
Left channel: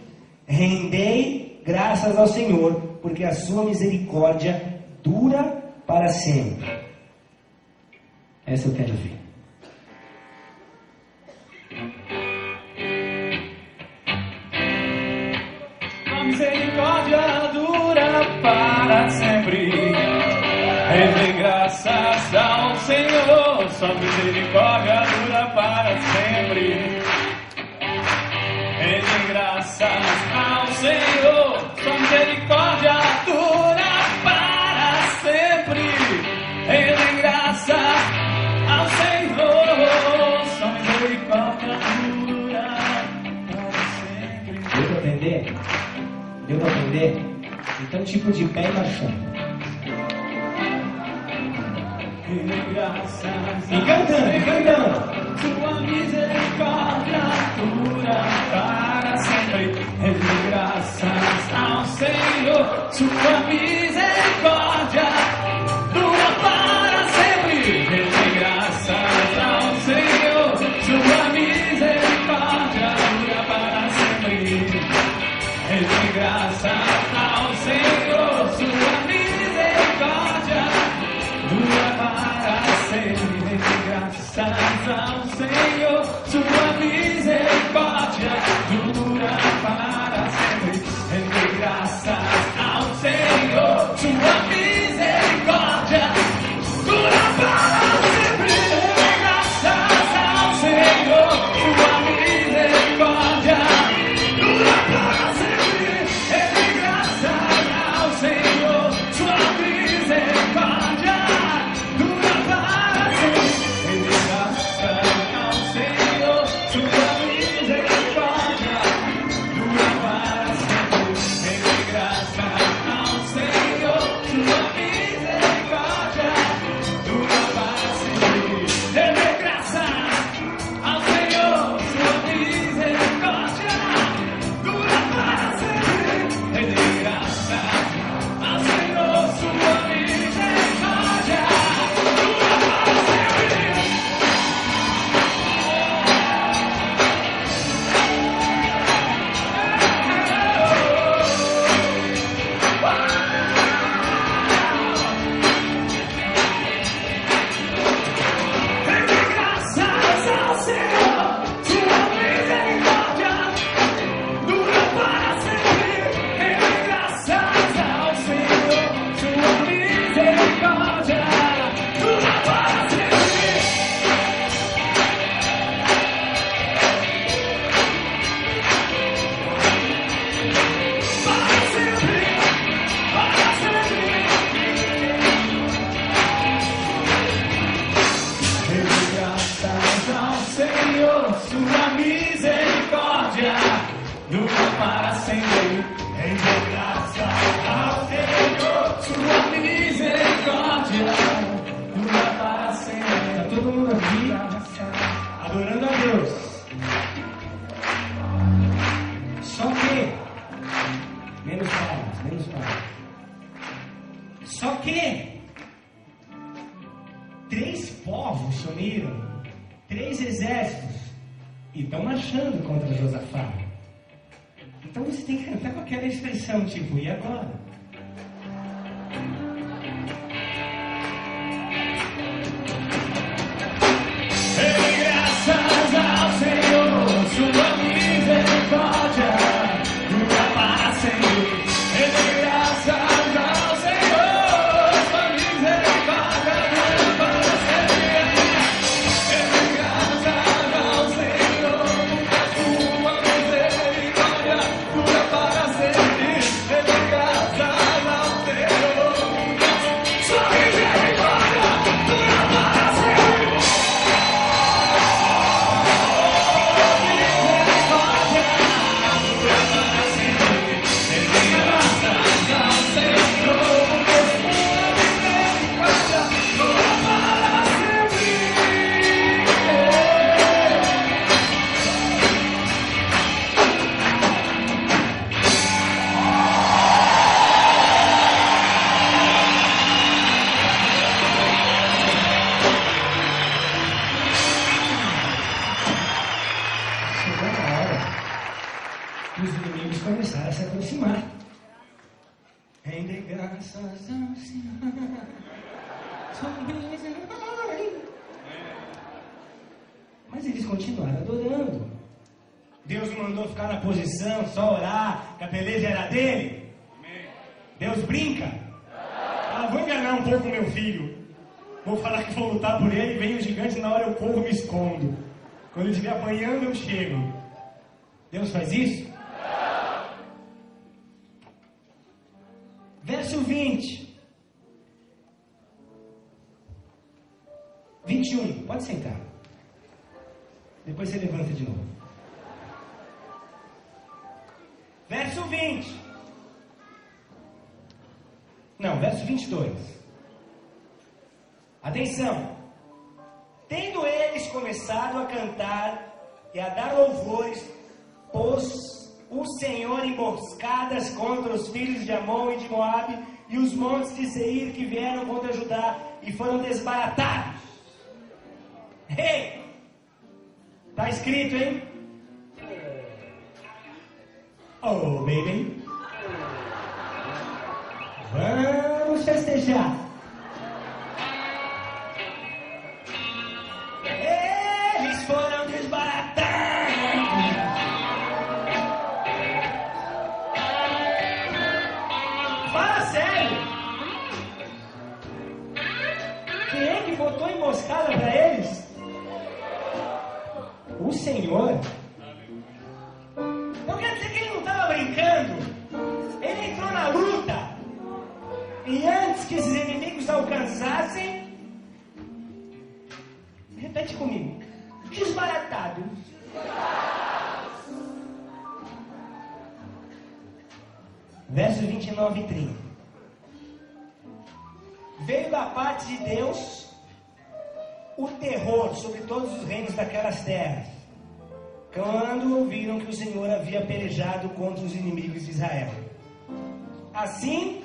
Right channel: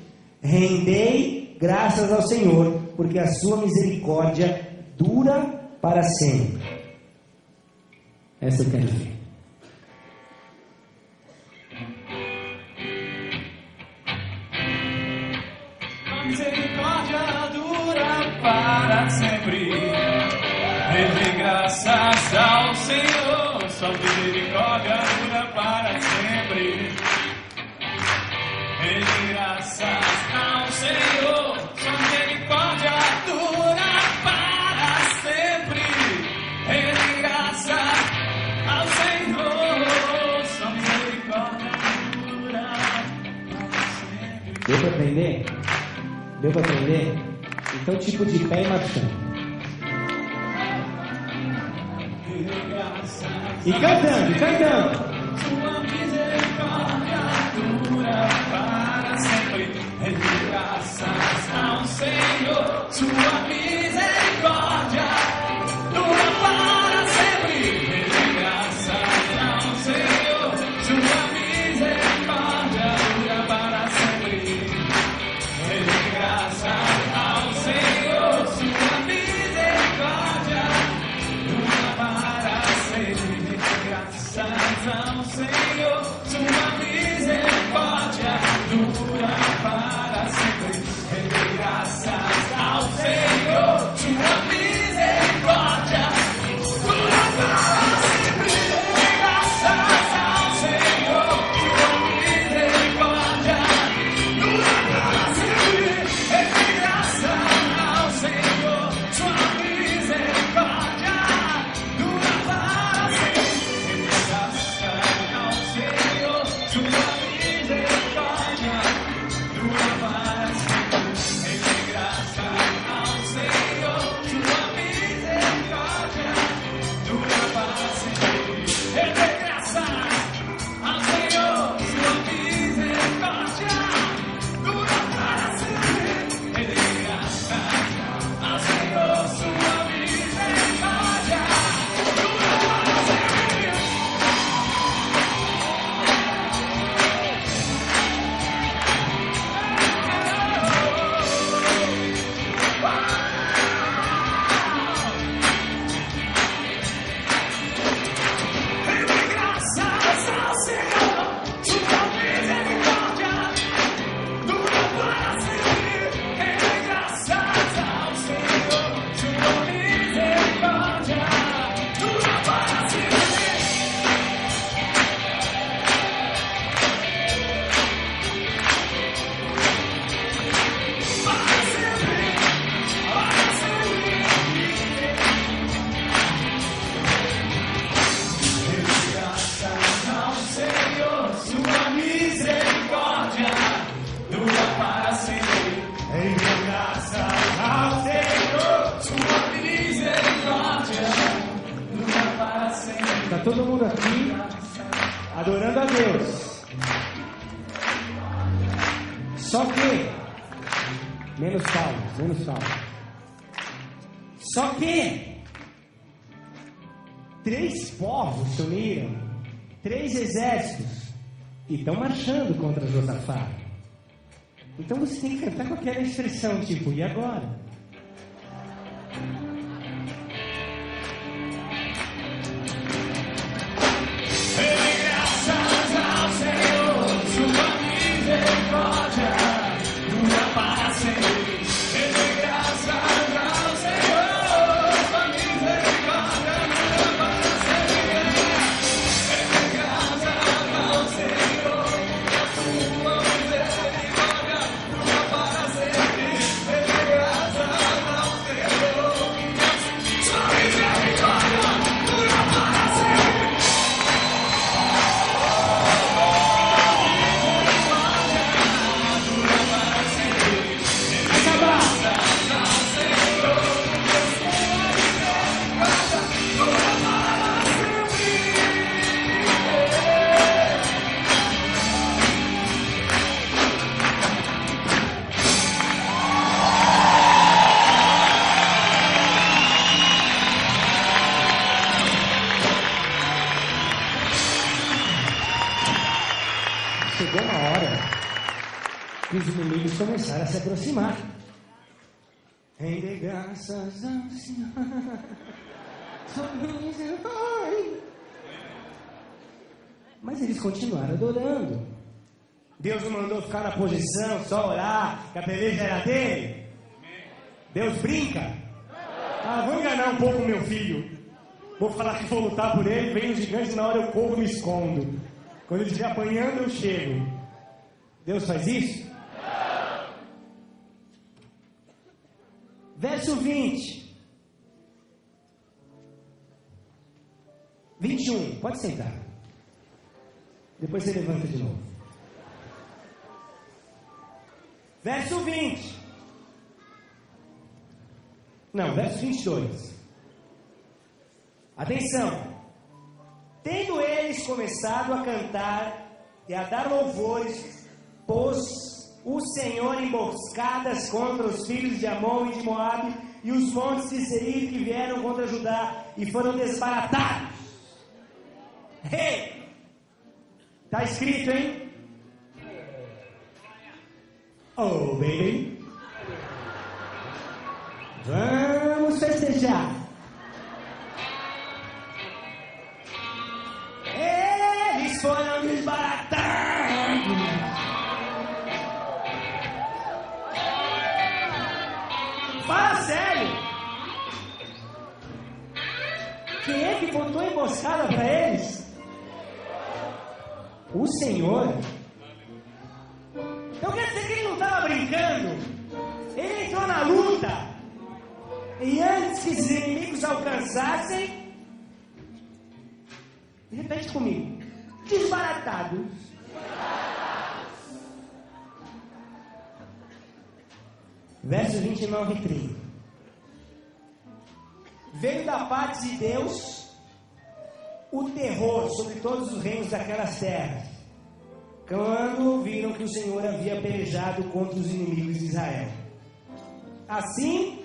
Rendei graças ao Senhor, porque a sua misericórdia dura para sempre. Essa eu quero ver. Misericórdia dura para sempre. Rende graças ao Senhor. Sua misericórdia dura para sempre. Rende graças ao Senhor. Sua misericórdia dura para sempre. Rende graças ao Senhor. Sua misericórdia dura para sempre. Deu para entender? Deu para entender? Então, tipo de pé e marchando. E cantando. Sua misericórdia dura para sempre. Rende graças ao Senhor. Sua misericórdia dura para sempre. Rende graças ao Senhor. Sua misericórdia dura para sempre. Rende graças ao Senhor. Sua misericórdia dura para sempre. Rende graças ao Senhor. Sua misericórdia dura para sempre. Rende graças ao Senhor. Sua misericórdia dura para sempre. Rende graças ao Senhor. Sua misericórdia dura para sempre. Menos calma. Só que 3 povos se uniram, 3 exércitos, e estão marchando contra Josafá. Então você tem que cantar com aquela expressão, tipo, e agora? E os inimigos começaram a se aproximar. Rende graças ao Senhor. Mas eles continuaram adorando. Deus mandou ficar na posição, só orar, que a beleza era dele. Deus brinca. Vou enganar um pouco meu filho. Vou falar que vou lutar por ele, vem o gigante, na hora eu corro e me escondo. Quando ele estiver apanhando, eu chego. Deus faz isso? Verso 20. 21. Pode sentar. Depois você levanta de novo. Verso 20. Não, verso 22. Atenção. Tendo eles começado a cantar e a dar louvores, pôs o Senhor emboscadas contra os filhos de Amon e de Moabe e os montes de Seir que vieram contra Judá e foram desbaratados. Hey! Está escrito, hein? Oh, baby. Vamos festejar. Eles foram desbaratados. Fala sério. Quem é que botou emboscada para eles? O Senhor. Então quer dizer que ele não estava brincando. Ele entrou na luta. E antes que os inimigos alcançassem, repete comigo, desbaratados. Verso 29 e 30. Veio da parte de Deus o terror sobre todos os reinos daquelas terras, quando viram que o Senhor havia pelejado contra os inimigos de Israel. Assim,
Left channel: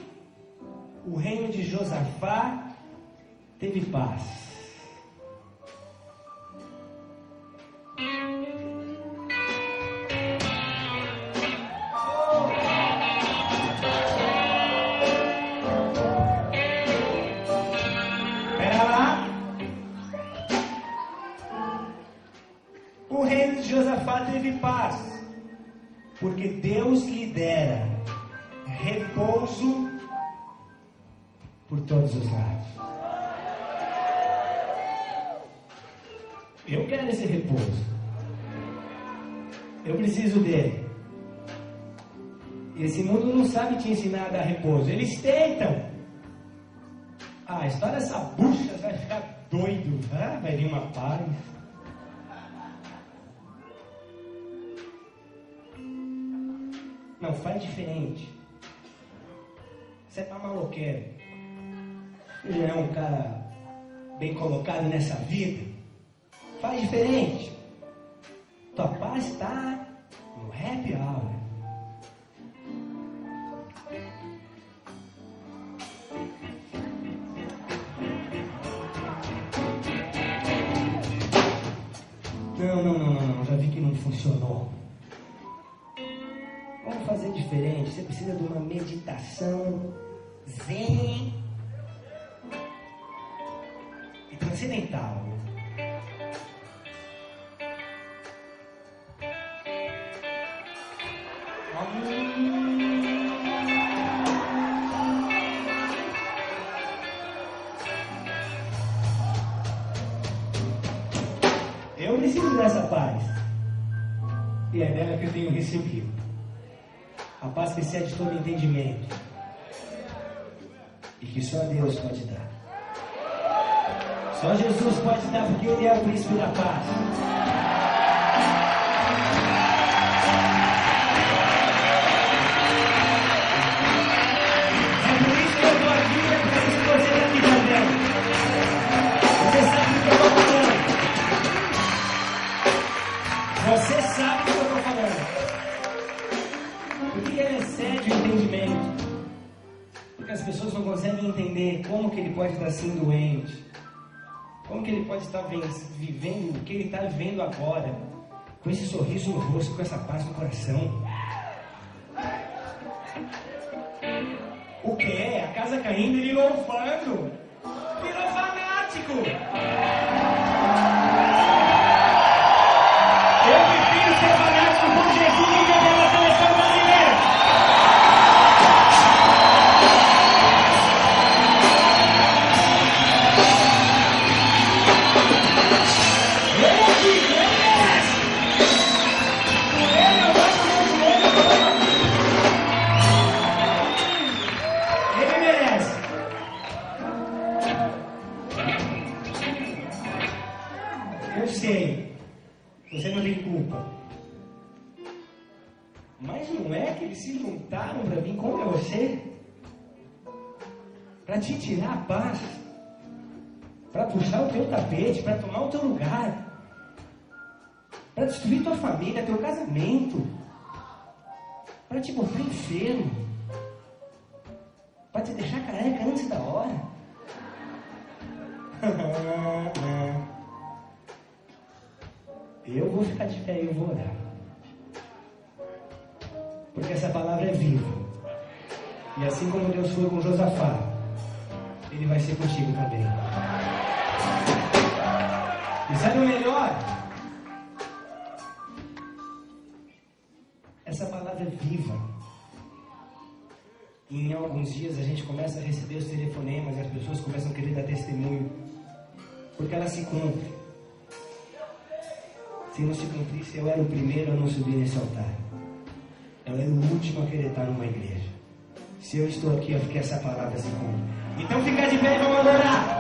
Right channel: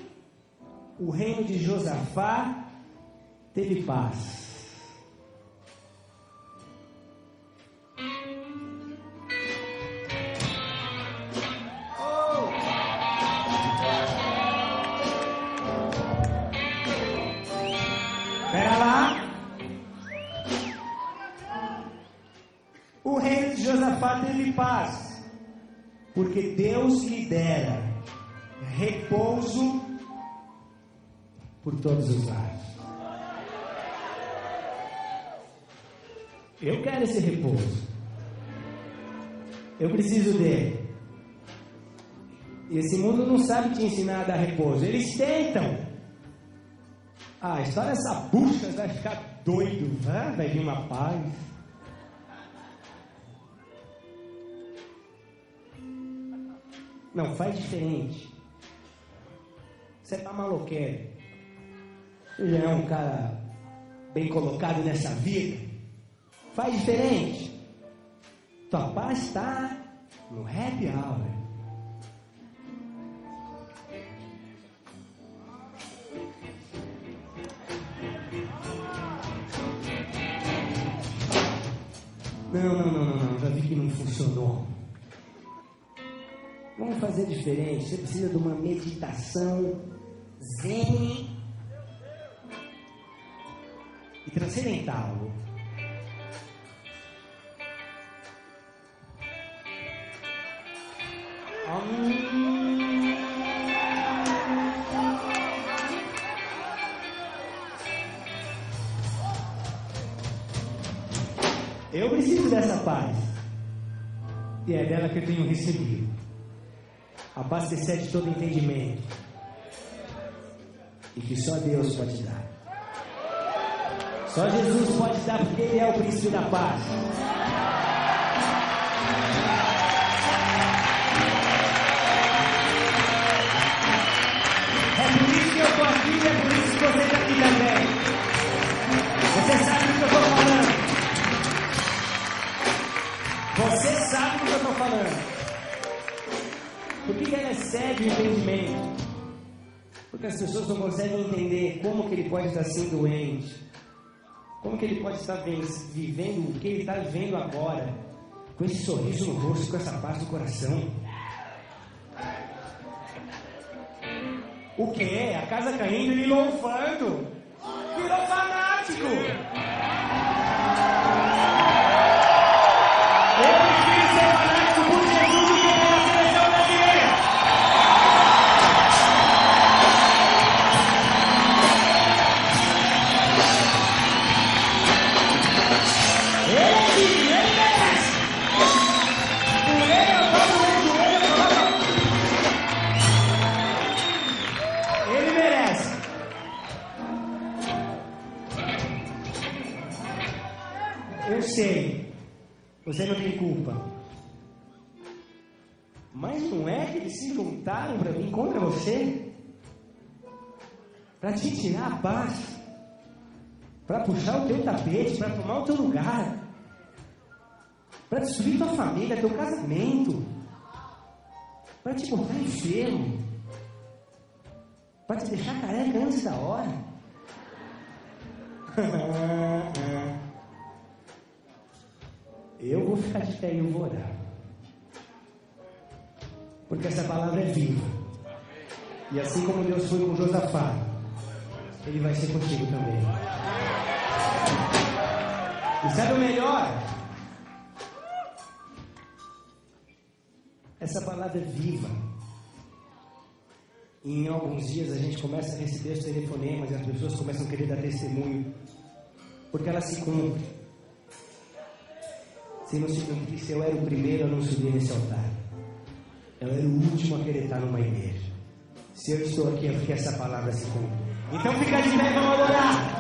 o reino de Josafá teve paz. Pera lá. O reino de Josafá teve paz, porque Deus lhe dera repouso por todos os lados. Eu quero esse repouso. Eu preciso dele. E esse mundo não sabe te ensinar a dar repouso. Eles tentam. A história dessa bucha vai ficar doido. Vai vir uma paz. Não, faz diferente. Você tá maloqueiro. Você já é um cara bem colocado nessa vida. Faz diferente. Tua paz está no happy hour. Não, já vi que não funcionou. Vamos fazer diferente. Você precisa de uma meditação zen e transcendental. Eu preciso dessa paz. E é dela que eu tenho recebido. A paz que excede todo entendimento. E que só Deus pode dar. Só Jesus pode dar, porque Ele é o príncipe da paz. Vivendo o que ele está vivendo agora, com esse sorriso no rosto, com essa paz no coração. O que é? A casa caindo e louvando. Virou fanático. Eu prefiro ser fanático por Jesus do que pela seleção brasileira. Você não tem culpa. Mas não é que eles se juntaram para vir contra você? Para te tirar a paz? Para puxar o teu tapete? Para tomar o teu lugar? Para destruir tua família, teu casamento? Para te botar enfermo? Para te deixar careca antes da hora? Eu vou ficar de pé e eu vou orar. Porque essa palavra é viva. E assim como Deus foi com Josafá, Ele vai ser contigo também. E sabe o melhor? Essa palavra é viva. E em alguns dias a gente começa a receber os telefonemas e as pessoas começam a querer dar testemunho. Porque elas se cumprem. Se não se cumprisse, eu era o primeiro a não subir nesse altar. Eu era o último a querer estar numa igreja. Se eu estou aqui, é porque essa palavra se cumpre. Então fica de pé para orar.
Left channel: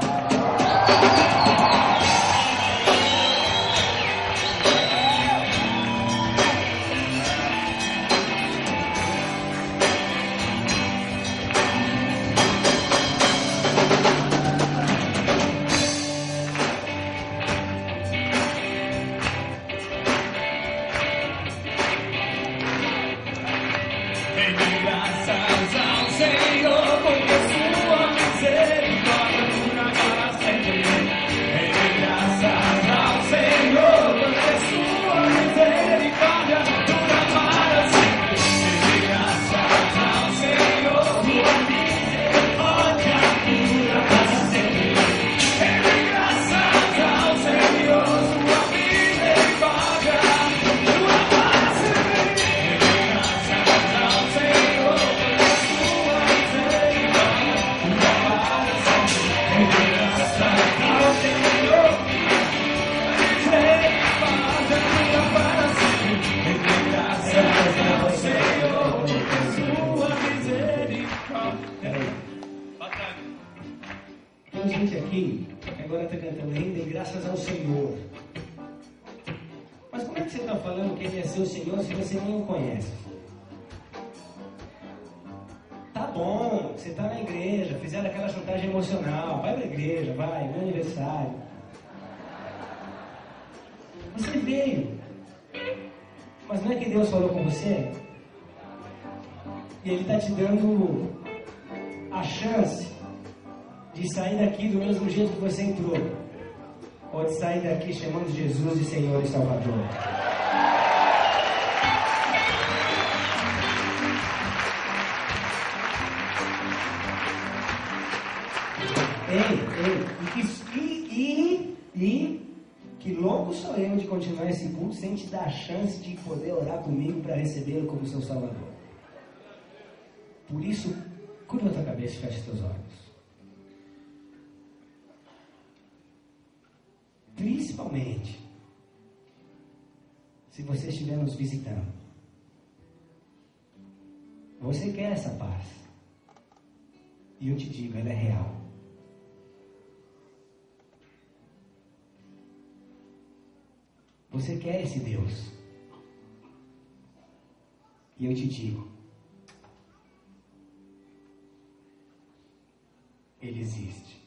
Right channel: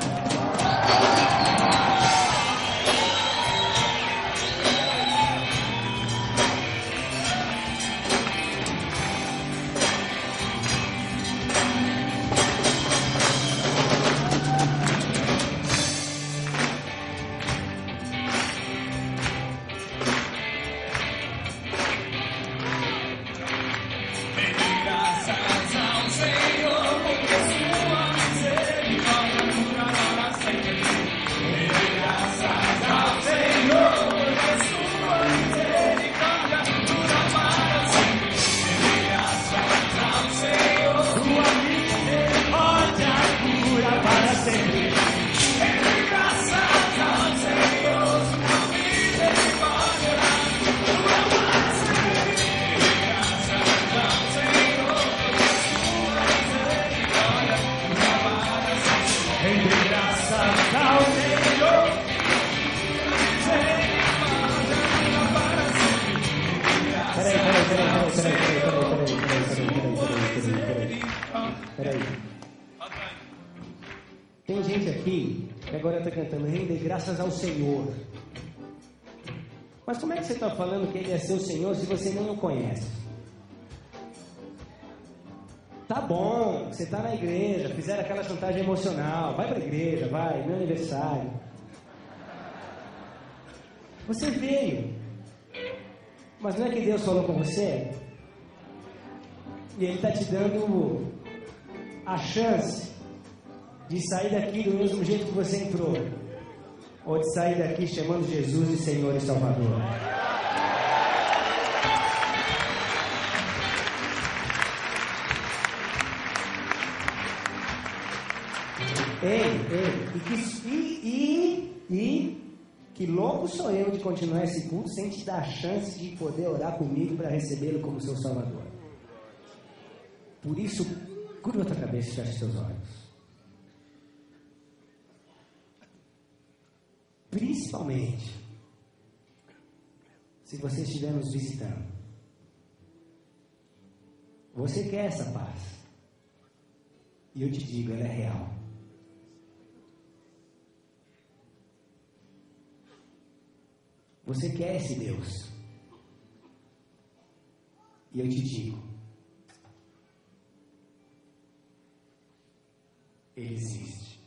Tem gente aqui que agora está cantando render graças ao Senhor. Mas como é que você está falando que Ele é seu Senhor se você não o conhece? Tá bom, você está na igreja, fizeram aquela chantagem emocional, vai para a igreja, vai, no aniversário. Você veio, mas não é que Deus falou com você? E Ele está te dando a chance de sair daqui do mesmo jeito que você entrou. Ou sair daqui chamando Jesus de Senhor e Salvador? Que louco sou eu de continuar esse culto sem te dar a chance de poder orar comigo para recebê-lo como seu Salvador. Por isso, curva a tua cabeça e feche teus olhos. Principalmente, se você estiver nos visitando, você quer essa paz. E eu te digo, ela é real. Você quer esse Deus. E eu te digo, Ele existe.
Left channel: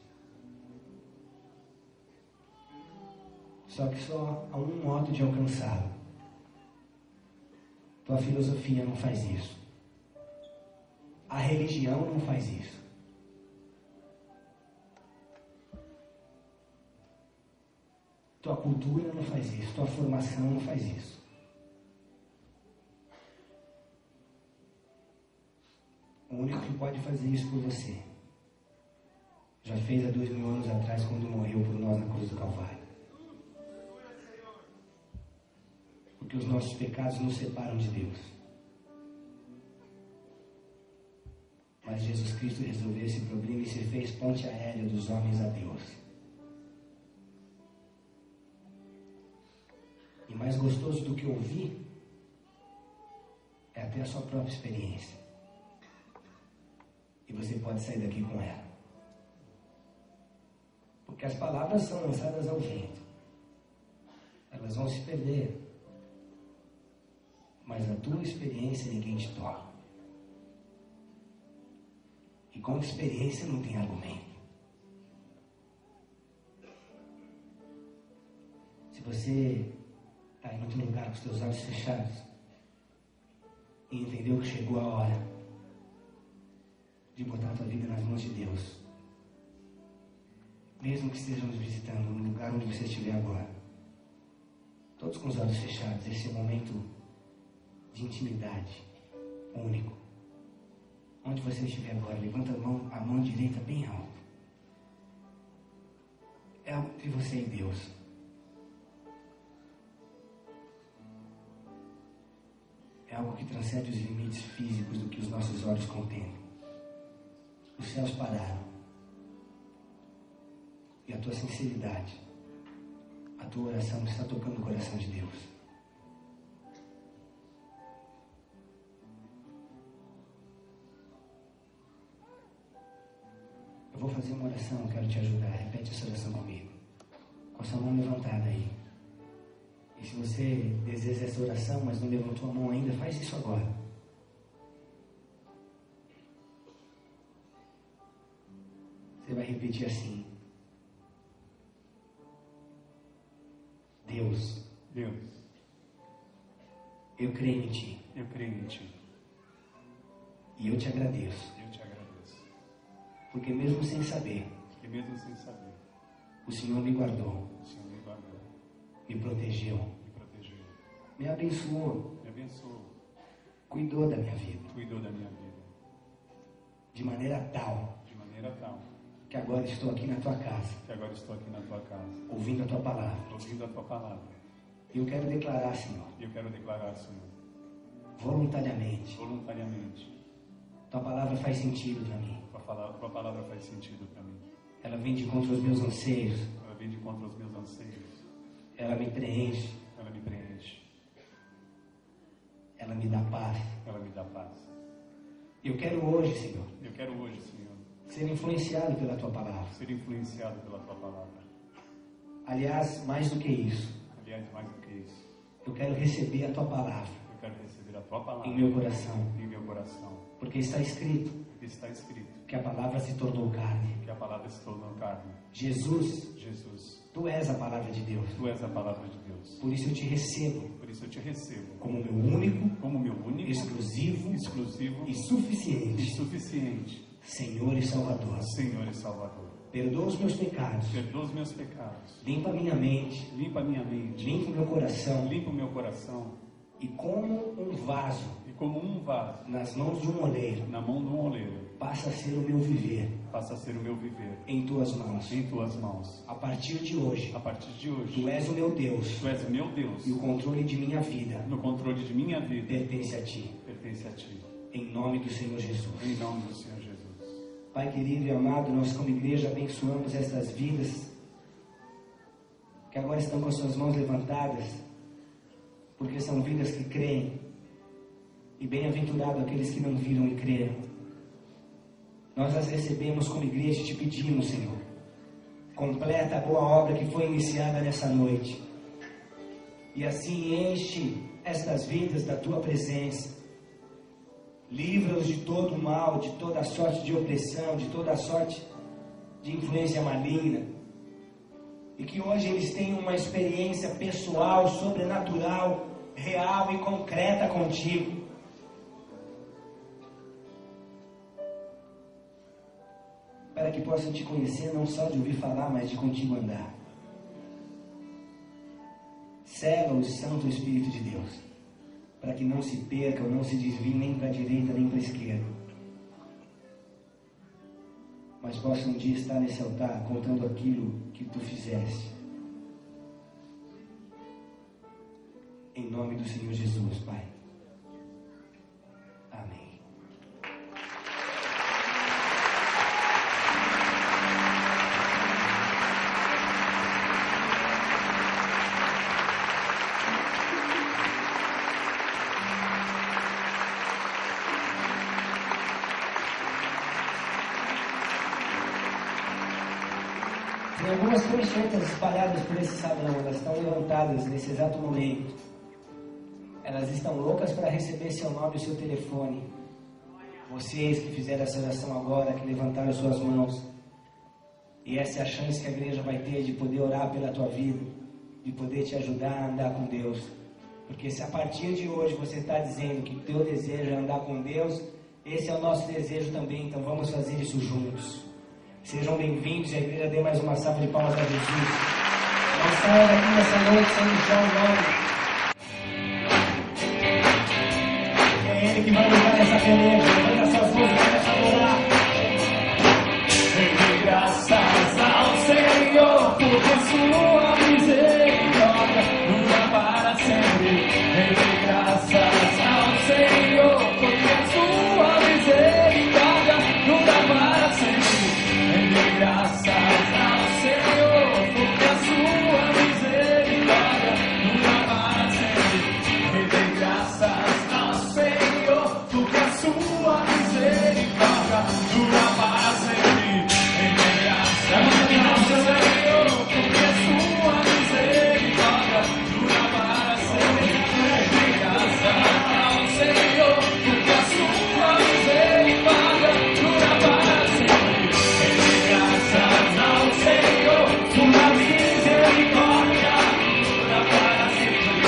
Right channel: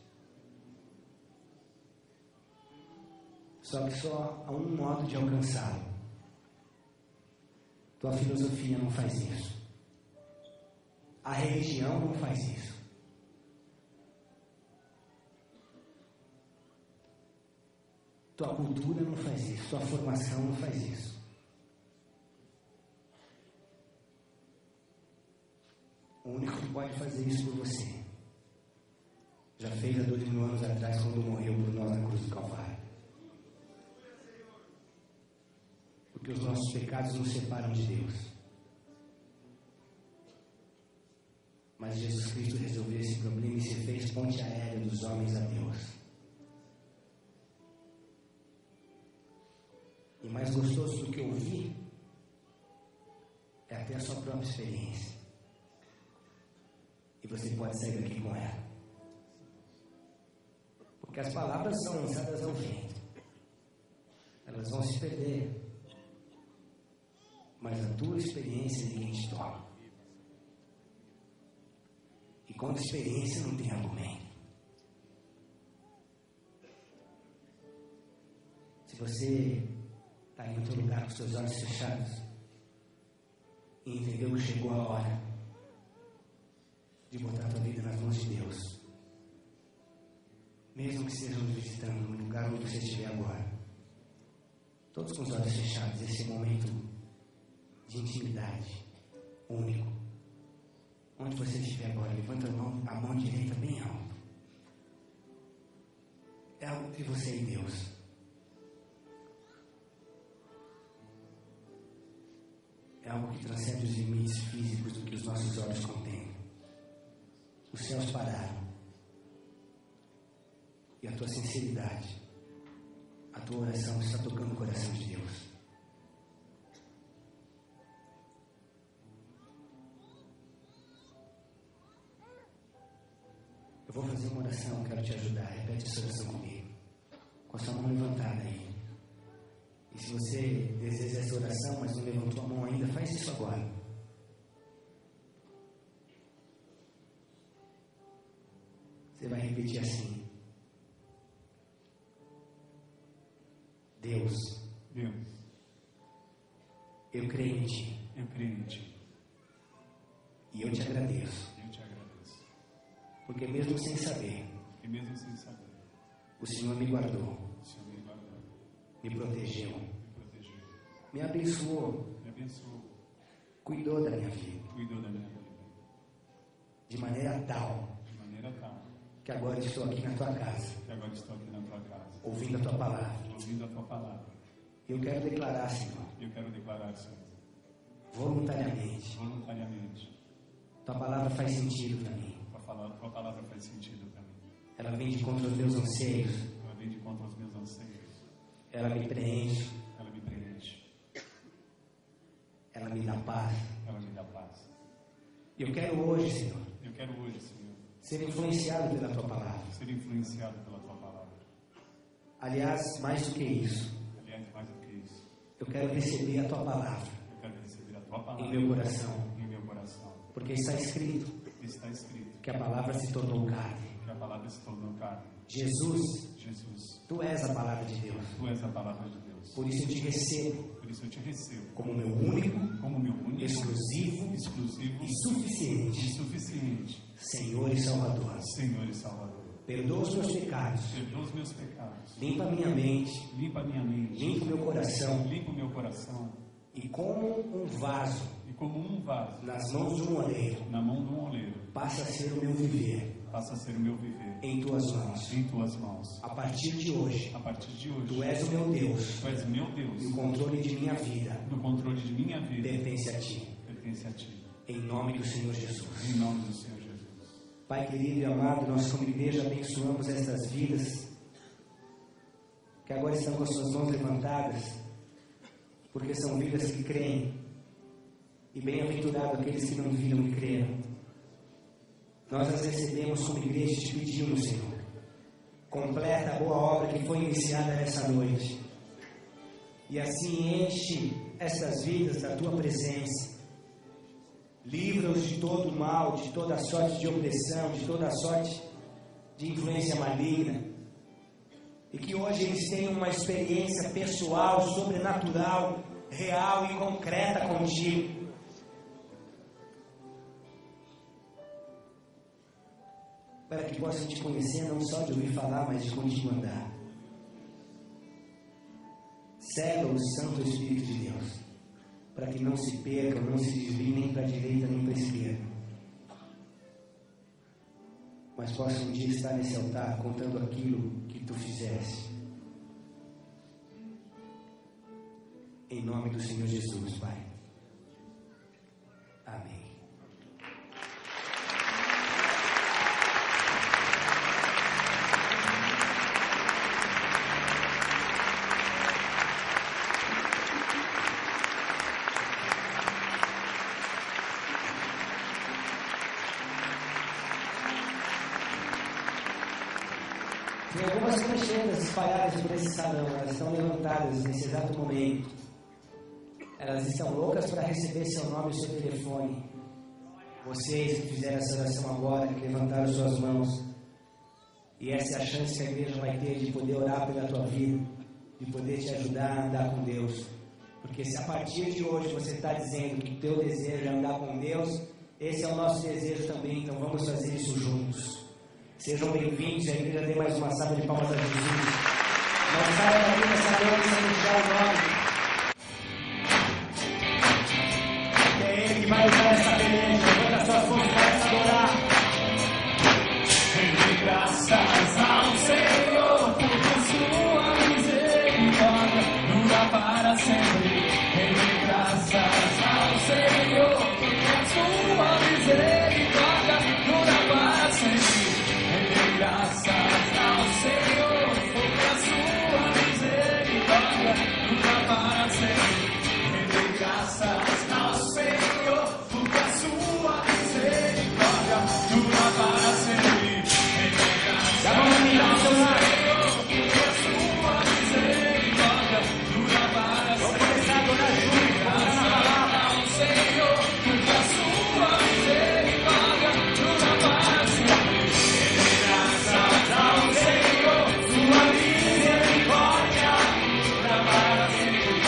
Só que só há um modo de alcançá-lo. Tua filosofia não faz isso. A religião não faz isso. Tua cultura não faz isso. Tua formação não faz isso. O único que pode fazer isso por você já fez há 2000 anos atrás, quando morreu por nós na cruz do Calvário. Porque os nossos pecados nos separam de Deus. Mas Jesus Cristo resolveu esse problema e se fez ponte aérea dos homens a Deus. E mais gostoso do que ouvir é até a sua própria experiência. E você pode sair daqui com ela. Porque as palavras são lançadas ao vento. Elas vão se perder. Mas a tua experiência ninguém te toca. E quando a experiência não tem argumento. Se você está em outro lugar com os seus olhos fechados e entendeu que chegou a hora de botar a tua vida nas mãos de Deus, mesmo que estejamos visitando no lugar onde você estiver agora, todos com os olhos fechados, esse momento de intimidade único, onde você estiver agora, levanta a mão direita bem alto. É algo entre você e Deus. É algo que transcende os limites físicos do que os nossos olhos contemplam. Os céus pararam. E a tua sinceridade, a tua oração está tocando o coração de Deus. Eu vou fazer uma oração, quero te ajudar. Repete essa oração comigo. Com a sua mão levantada aí. E se você deseja essa oração, mas não levantou a mão ainda, faz isso agora. Você vai repetir assim: Deus, eu creio em Ti. E eu te agradeço. Porque mesmo sem saber, o Senhor me guardou. Me protegeu. Me abençoou. Cuidou da minha vida. De maneira tal que agora estou aqui na tua casa. Ouvindo a tua palavra. Eu quero declarar, Senhor. Voluntariamente. Tua palavra faz sentido para mim. Ela vem de contra os meus anseios. Ela me preenche. Ela me dá paz. Eu quero hoje, Senhor, ser influenciado pela tua palavra. Aliás, mais do que isso, eu quero receber a tua palavra em meu coração. Porque está escrito que a palavra se tornou carne. Jesus, tu és a palavra de Deus. Por isso eu te recebo como meu único, exclusivo e suficiente suficiente, Senhor e Salvador. Senhor e Salvador. Perdoa os meus pecados. Perdoa os meus pecados. Limpa minha mente. Limpa minha mente. Limpa meu coração. Limpa o meu coração. E como um vaso E como um vaso nas mãos de um oleiro, na mão de um oleiro, passa a ser o meu viver passa a ser o meu viver em tuas mãos. em tuas mãos. A partir de hoje, A partir de hoje, tu és o meu Deus. tu és meu Deus. E o controle de minha vida No controle de minha vida pertence a ti. pertence a ti. Em nome do Senhor Jesus. Em nome do Senhor Jesus. Pai querido e amado, nós como igreja abençoamos estas vidas que agora estão com suas mãos levantadas, porque são vidas que creem. E bem-aventurado aqueles que não viram e creram. Nós as recebemos como igreja e te pedimos, Senhor, completa a boa obra que foi iniciada nessa noite. E assim enche essas vidas da tua presença. Livra-os de todo mal, de toda sorte de opressão, de toda sorte de influência maligna. E que hoje eles tenham uma experiência pessoal, sobrenatural, real e concreta contigo. Para que possam te conhecer não só de ouvir falar, mas de continuar andar. Cega os santos do Espírito de Deus, para que não se percam, não se desviem nem para a direita nem para a esquerda, mas possam um dia estar nesse altar contando aquilo que tu fizeste. Em nome do Senhor Jesus, Pai. Amém. Tem algumas pessoas espalhadas por esse salão, elas estão levantadas nesse exato momento. Elas estão loucas para receber seu nome e seu telefone. Vocês que fizeram essa oração agora, que levantaram suas mãos. E essa é a chance que a igreja vai ter de poder orar pela tua vida, de poder te ajudar a andar com Deus. Porque se a partir de hoje você está dizendo que o teu desejo é andar com Deus, esse é o nosso desejo também, então vamos fazer isso juntos. Sejam bem-vindos, a igreja dê mais uma salva de palmas a Jesus. Vamos estar aqui nessa noite, sempre já no nome. É Ele que vai levar essa igreja, essa força, Dê graças ao Senhor, porque a sua misericórdia dura para sempre. Dê graças ao Senhor, porque a sua misericórdia dura para sempre. Dê graças ao Senhor, porque a sua misericórdia dura para sempre. Dê graças ao Senhor, porque a sua misericórdia dura para sempre. Dê graças ao Senhor, porque a sua misericórdia dura para sempre. Dê graças ao Senhor, porque a sua misericórdia dura para sempre. Dê graças ao Senhor, sua misericórdia dura para sempre.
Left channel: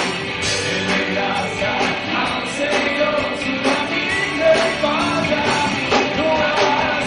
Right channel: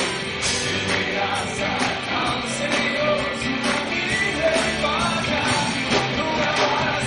Dê graças ao Senhor, sua misericórdia dura para sempre.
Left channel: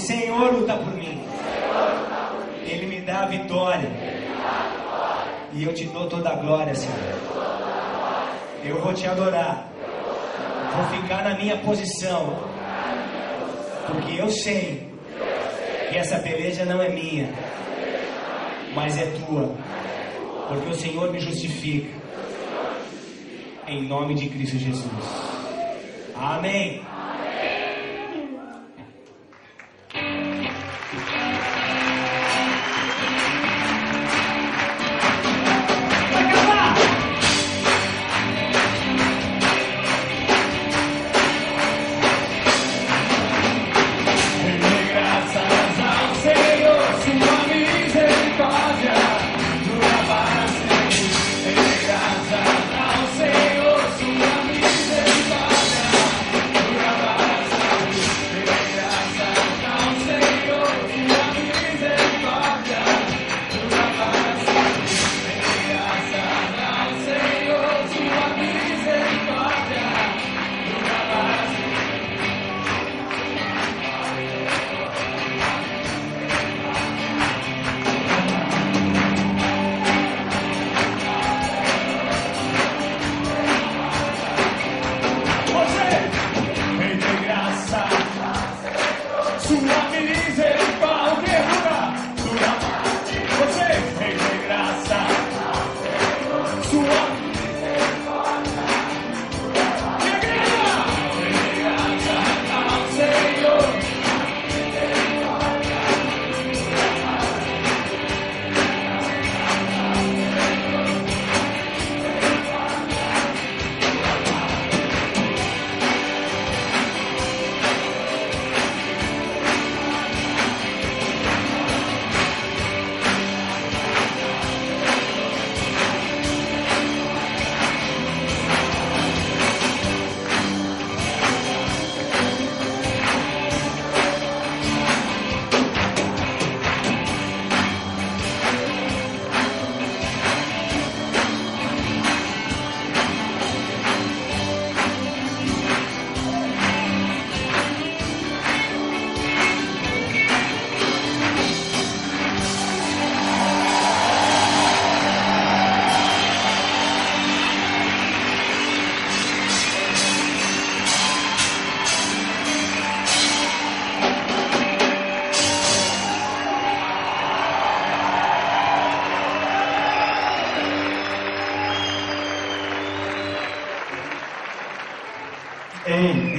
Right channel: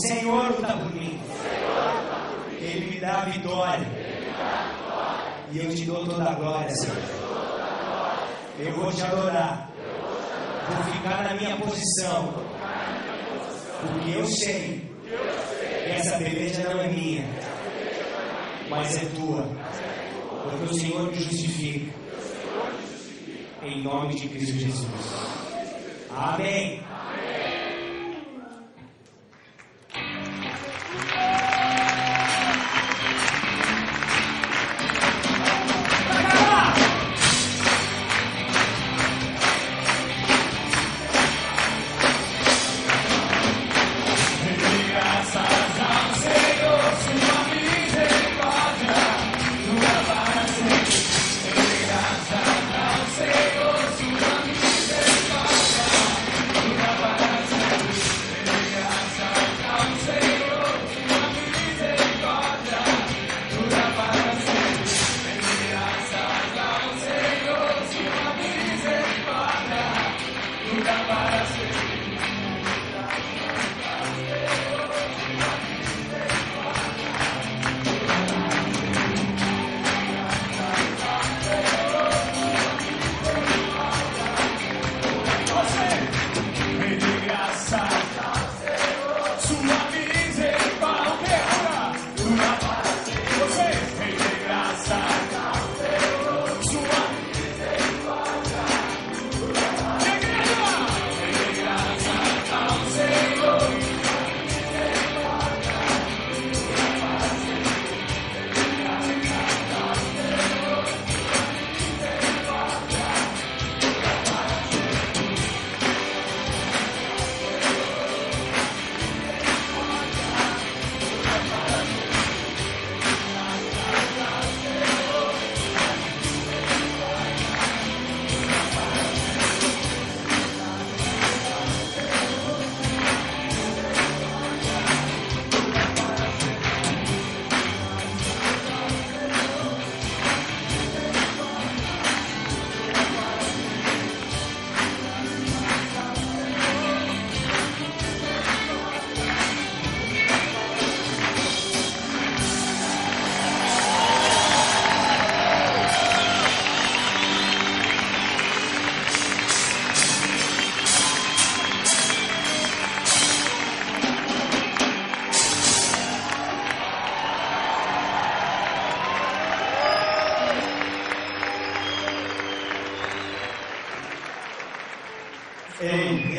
Senhor luta por mim. Ele me dá a vitória. E eu te dou toda a glória, Senhor. Eu vou te adorar. Vou ficar na minha posição. Porque eu sei que essa peleja não é minha, mas é tua. Porque o Senhor me justifica. Em nome de Cristo Jesus. Amém.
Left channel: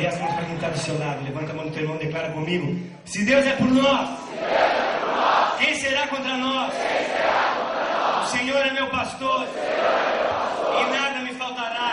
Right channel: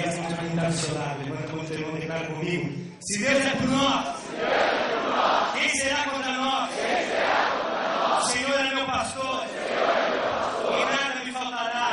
Essa música não está do seu lado. Levanta a mão do teu irmão e declara comigo: se Deus é por nós, quem será contra nós? O Senhor é meu pastor, e nada me faltará.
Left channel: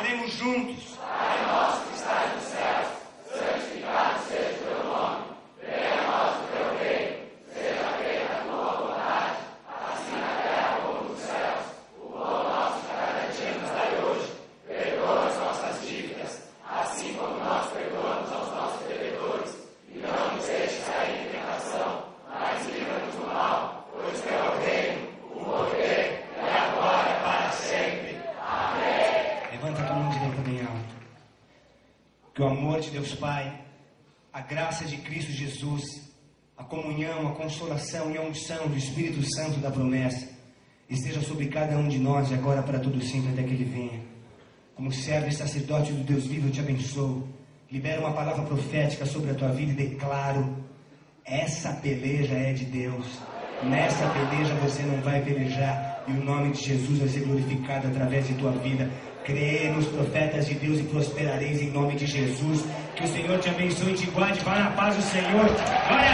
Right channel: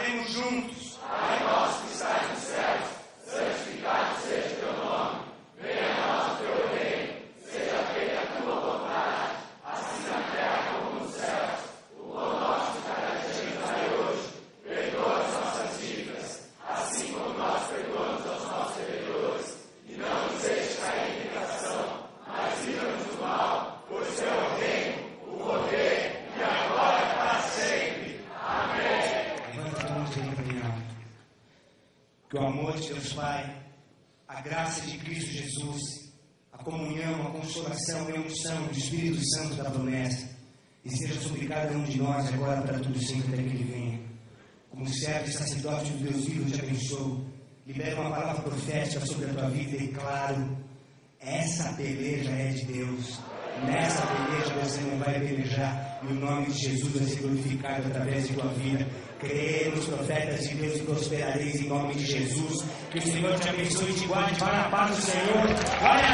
Oremos juntos. Pai nosso que estás nos céus, santificado seja o teu nome. Venha a nós o teu reino. Seja feita a tua vontade, assim na terra como nos céus. O pão nosso de cada dia nos dai hoje. Perdoa as nossas dívidas, assim como nós perdoamos aos nossos devedores. E não nos deixes cair em tentação, mas livra-nos do mal, pois teu é o reino, o poder e a glória para sempre. Amém. Levanta a tua mão direita bem alto. Que o amor de Deus Pai, a graça de Cristo Jesus, a comunhão, a consolação e a unção do Espírito Santo da promessa esteja sobre cada um de nós e agora para todo sempre até que Ele venha. Como servo e sacerdote do Deus vivo, eu te abençoo. Libero uma palavra profética sobre a tua vida e declaro: essa peleja é de Deus. Nessa peleja você não vai pelejar, e o nome de Jesus vai ser glorificado através de tua vida. Crê nos profetas de Deus e prosperareis em nome de Jesus. Que o Senhor te abençoe e te guarde. Vá na paz do Senhor. Glória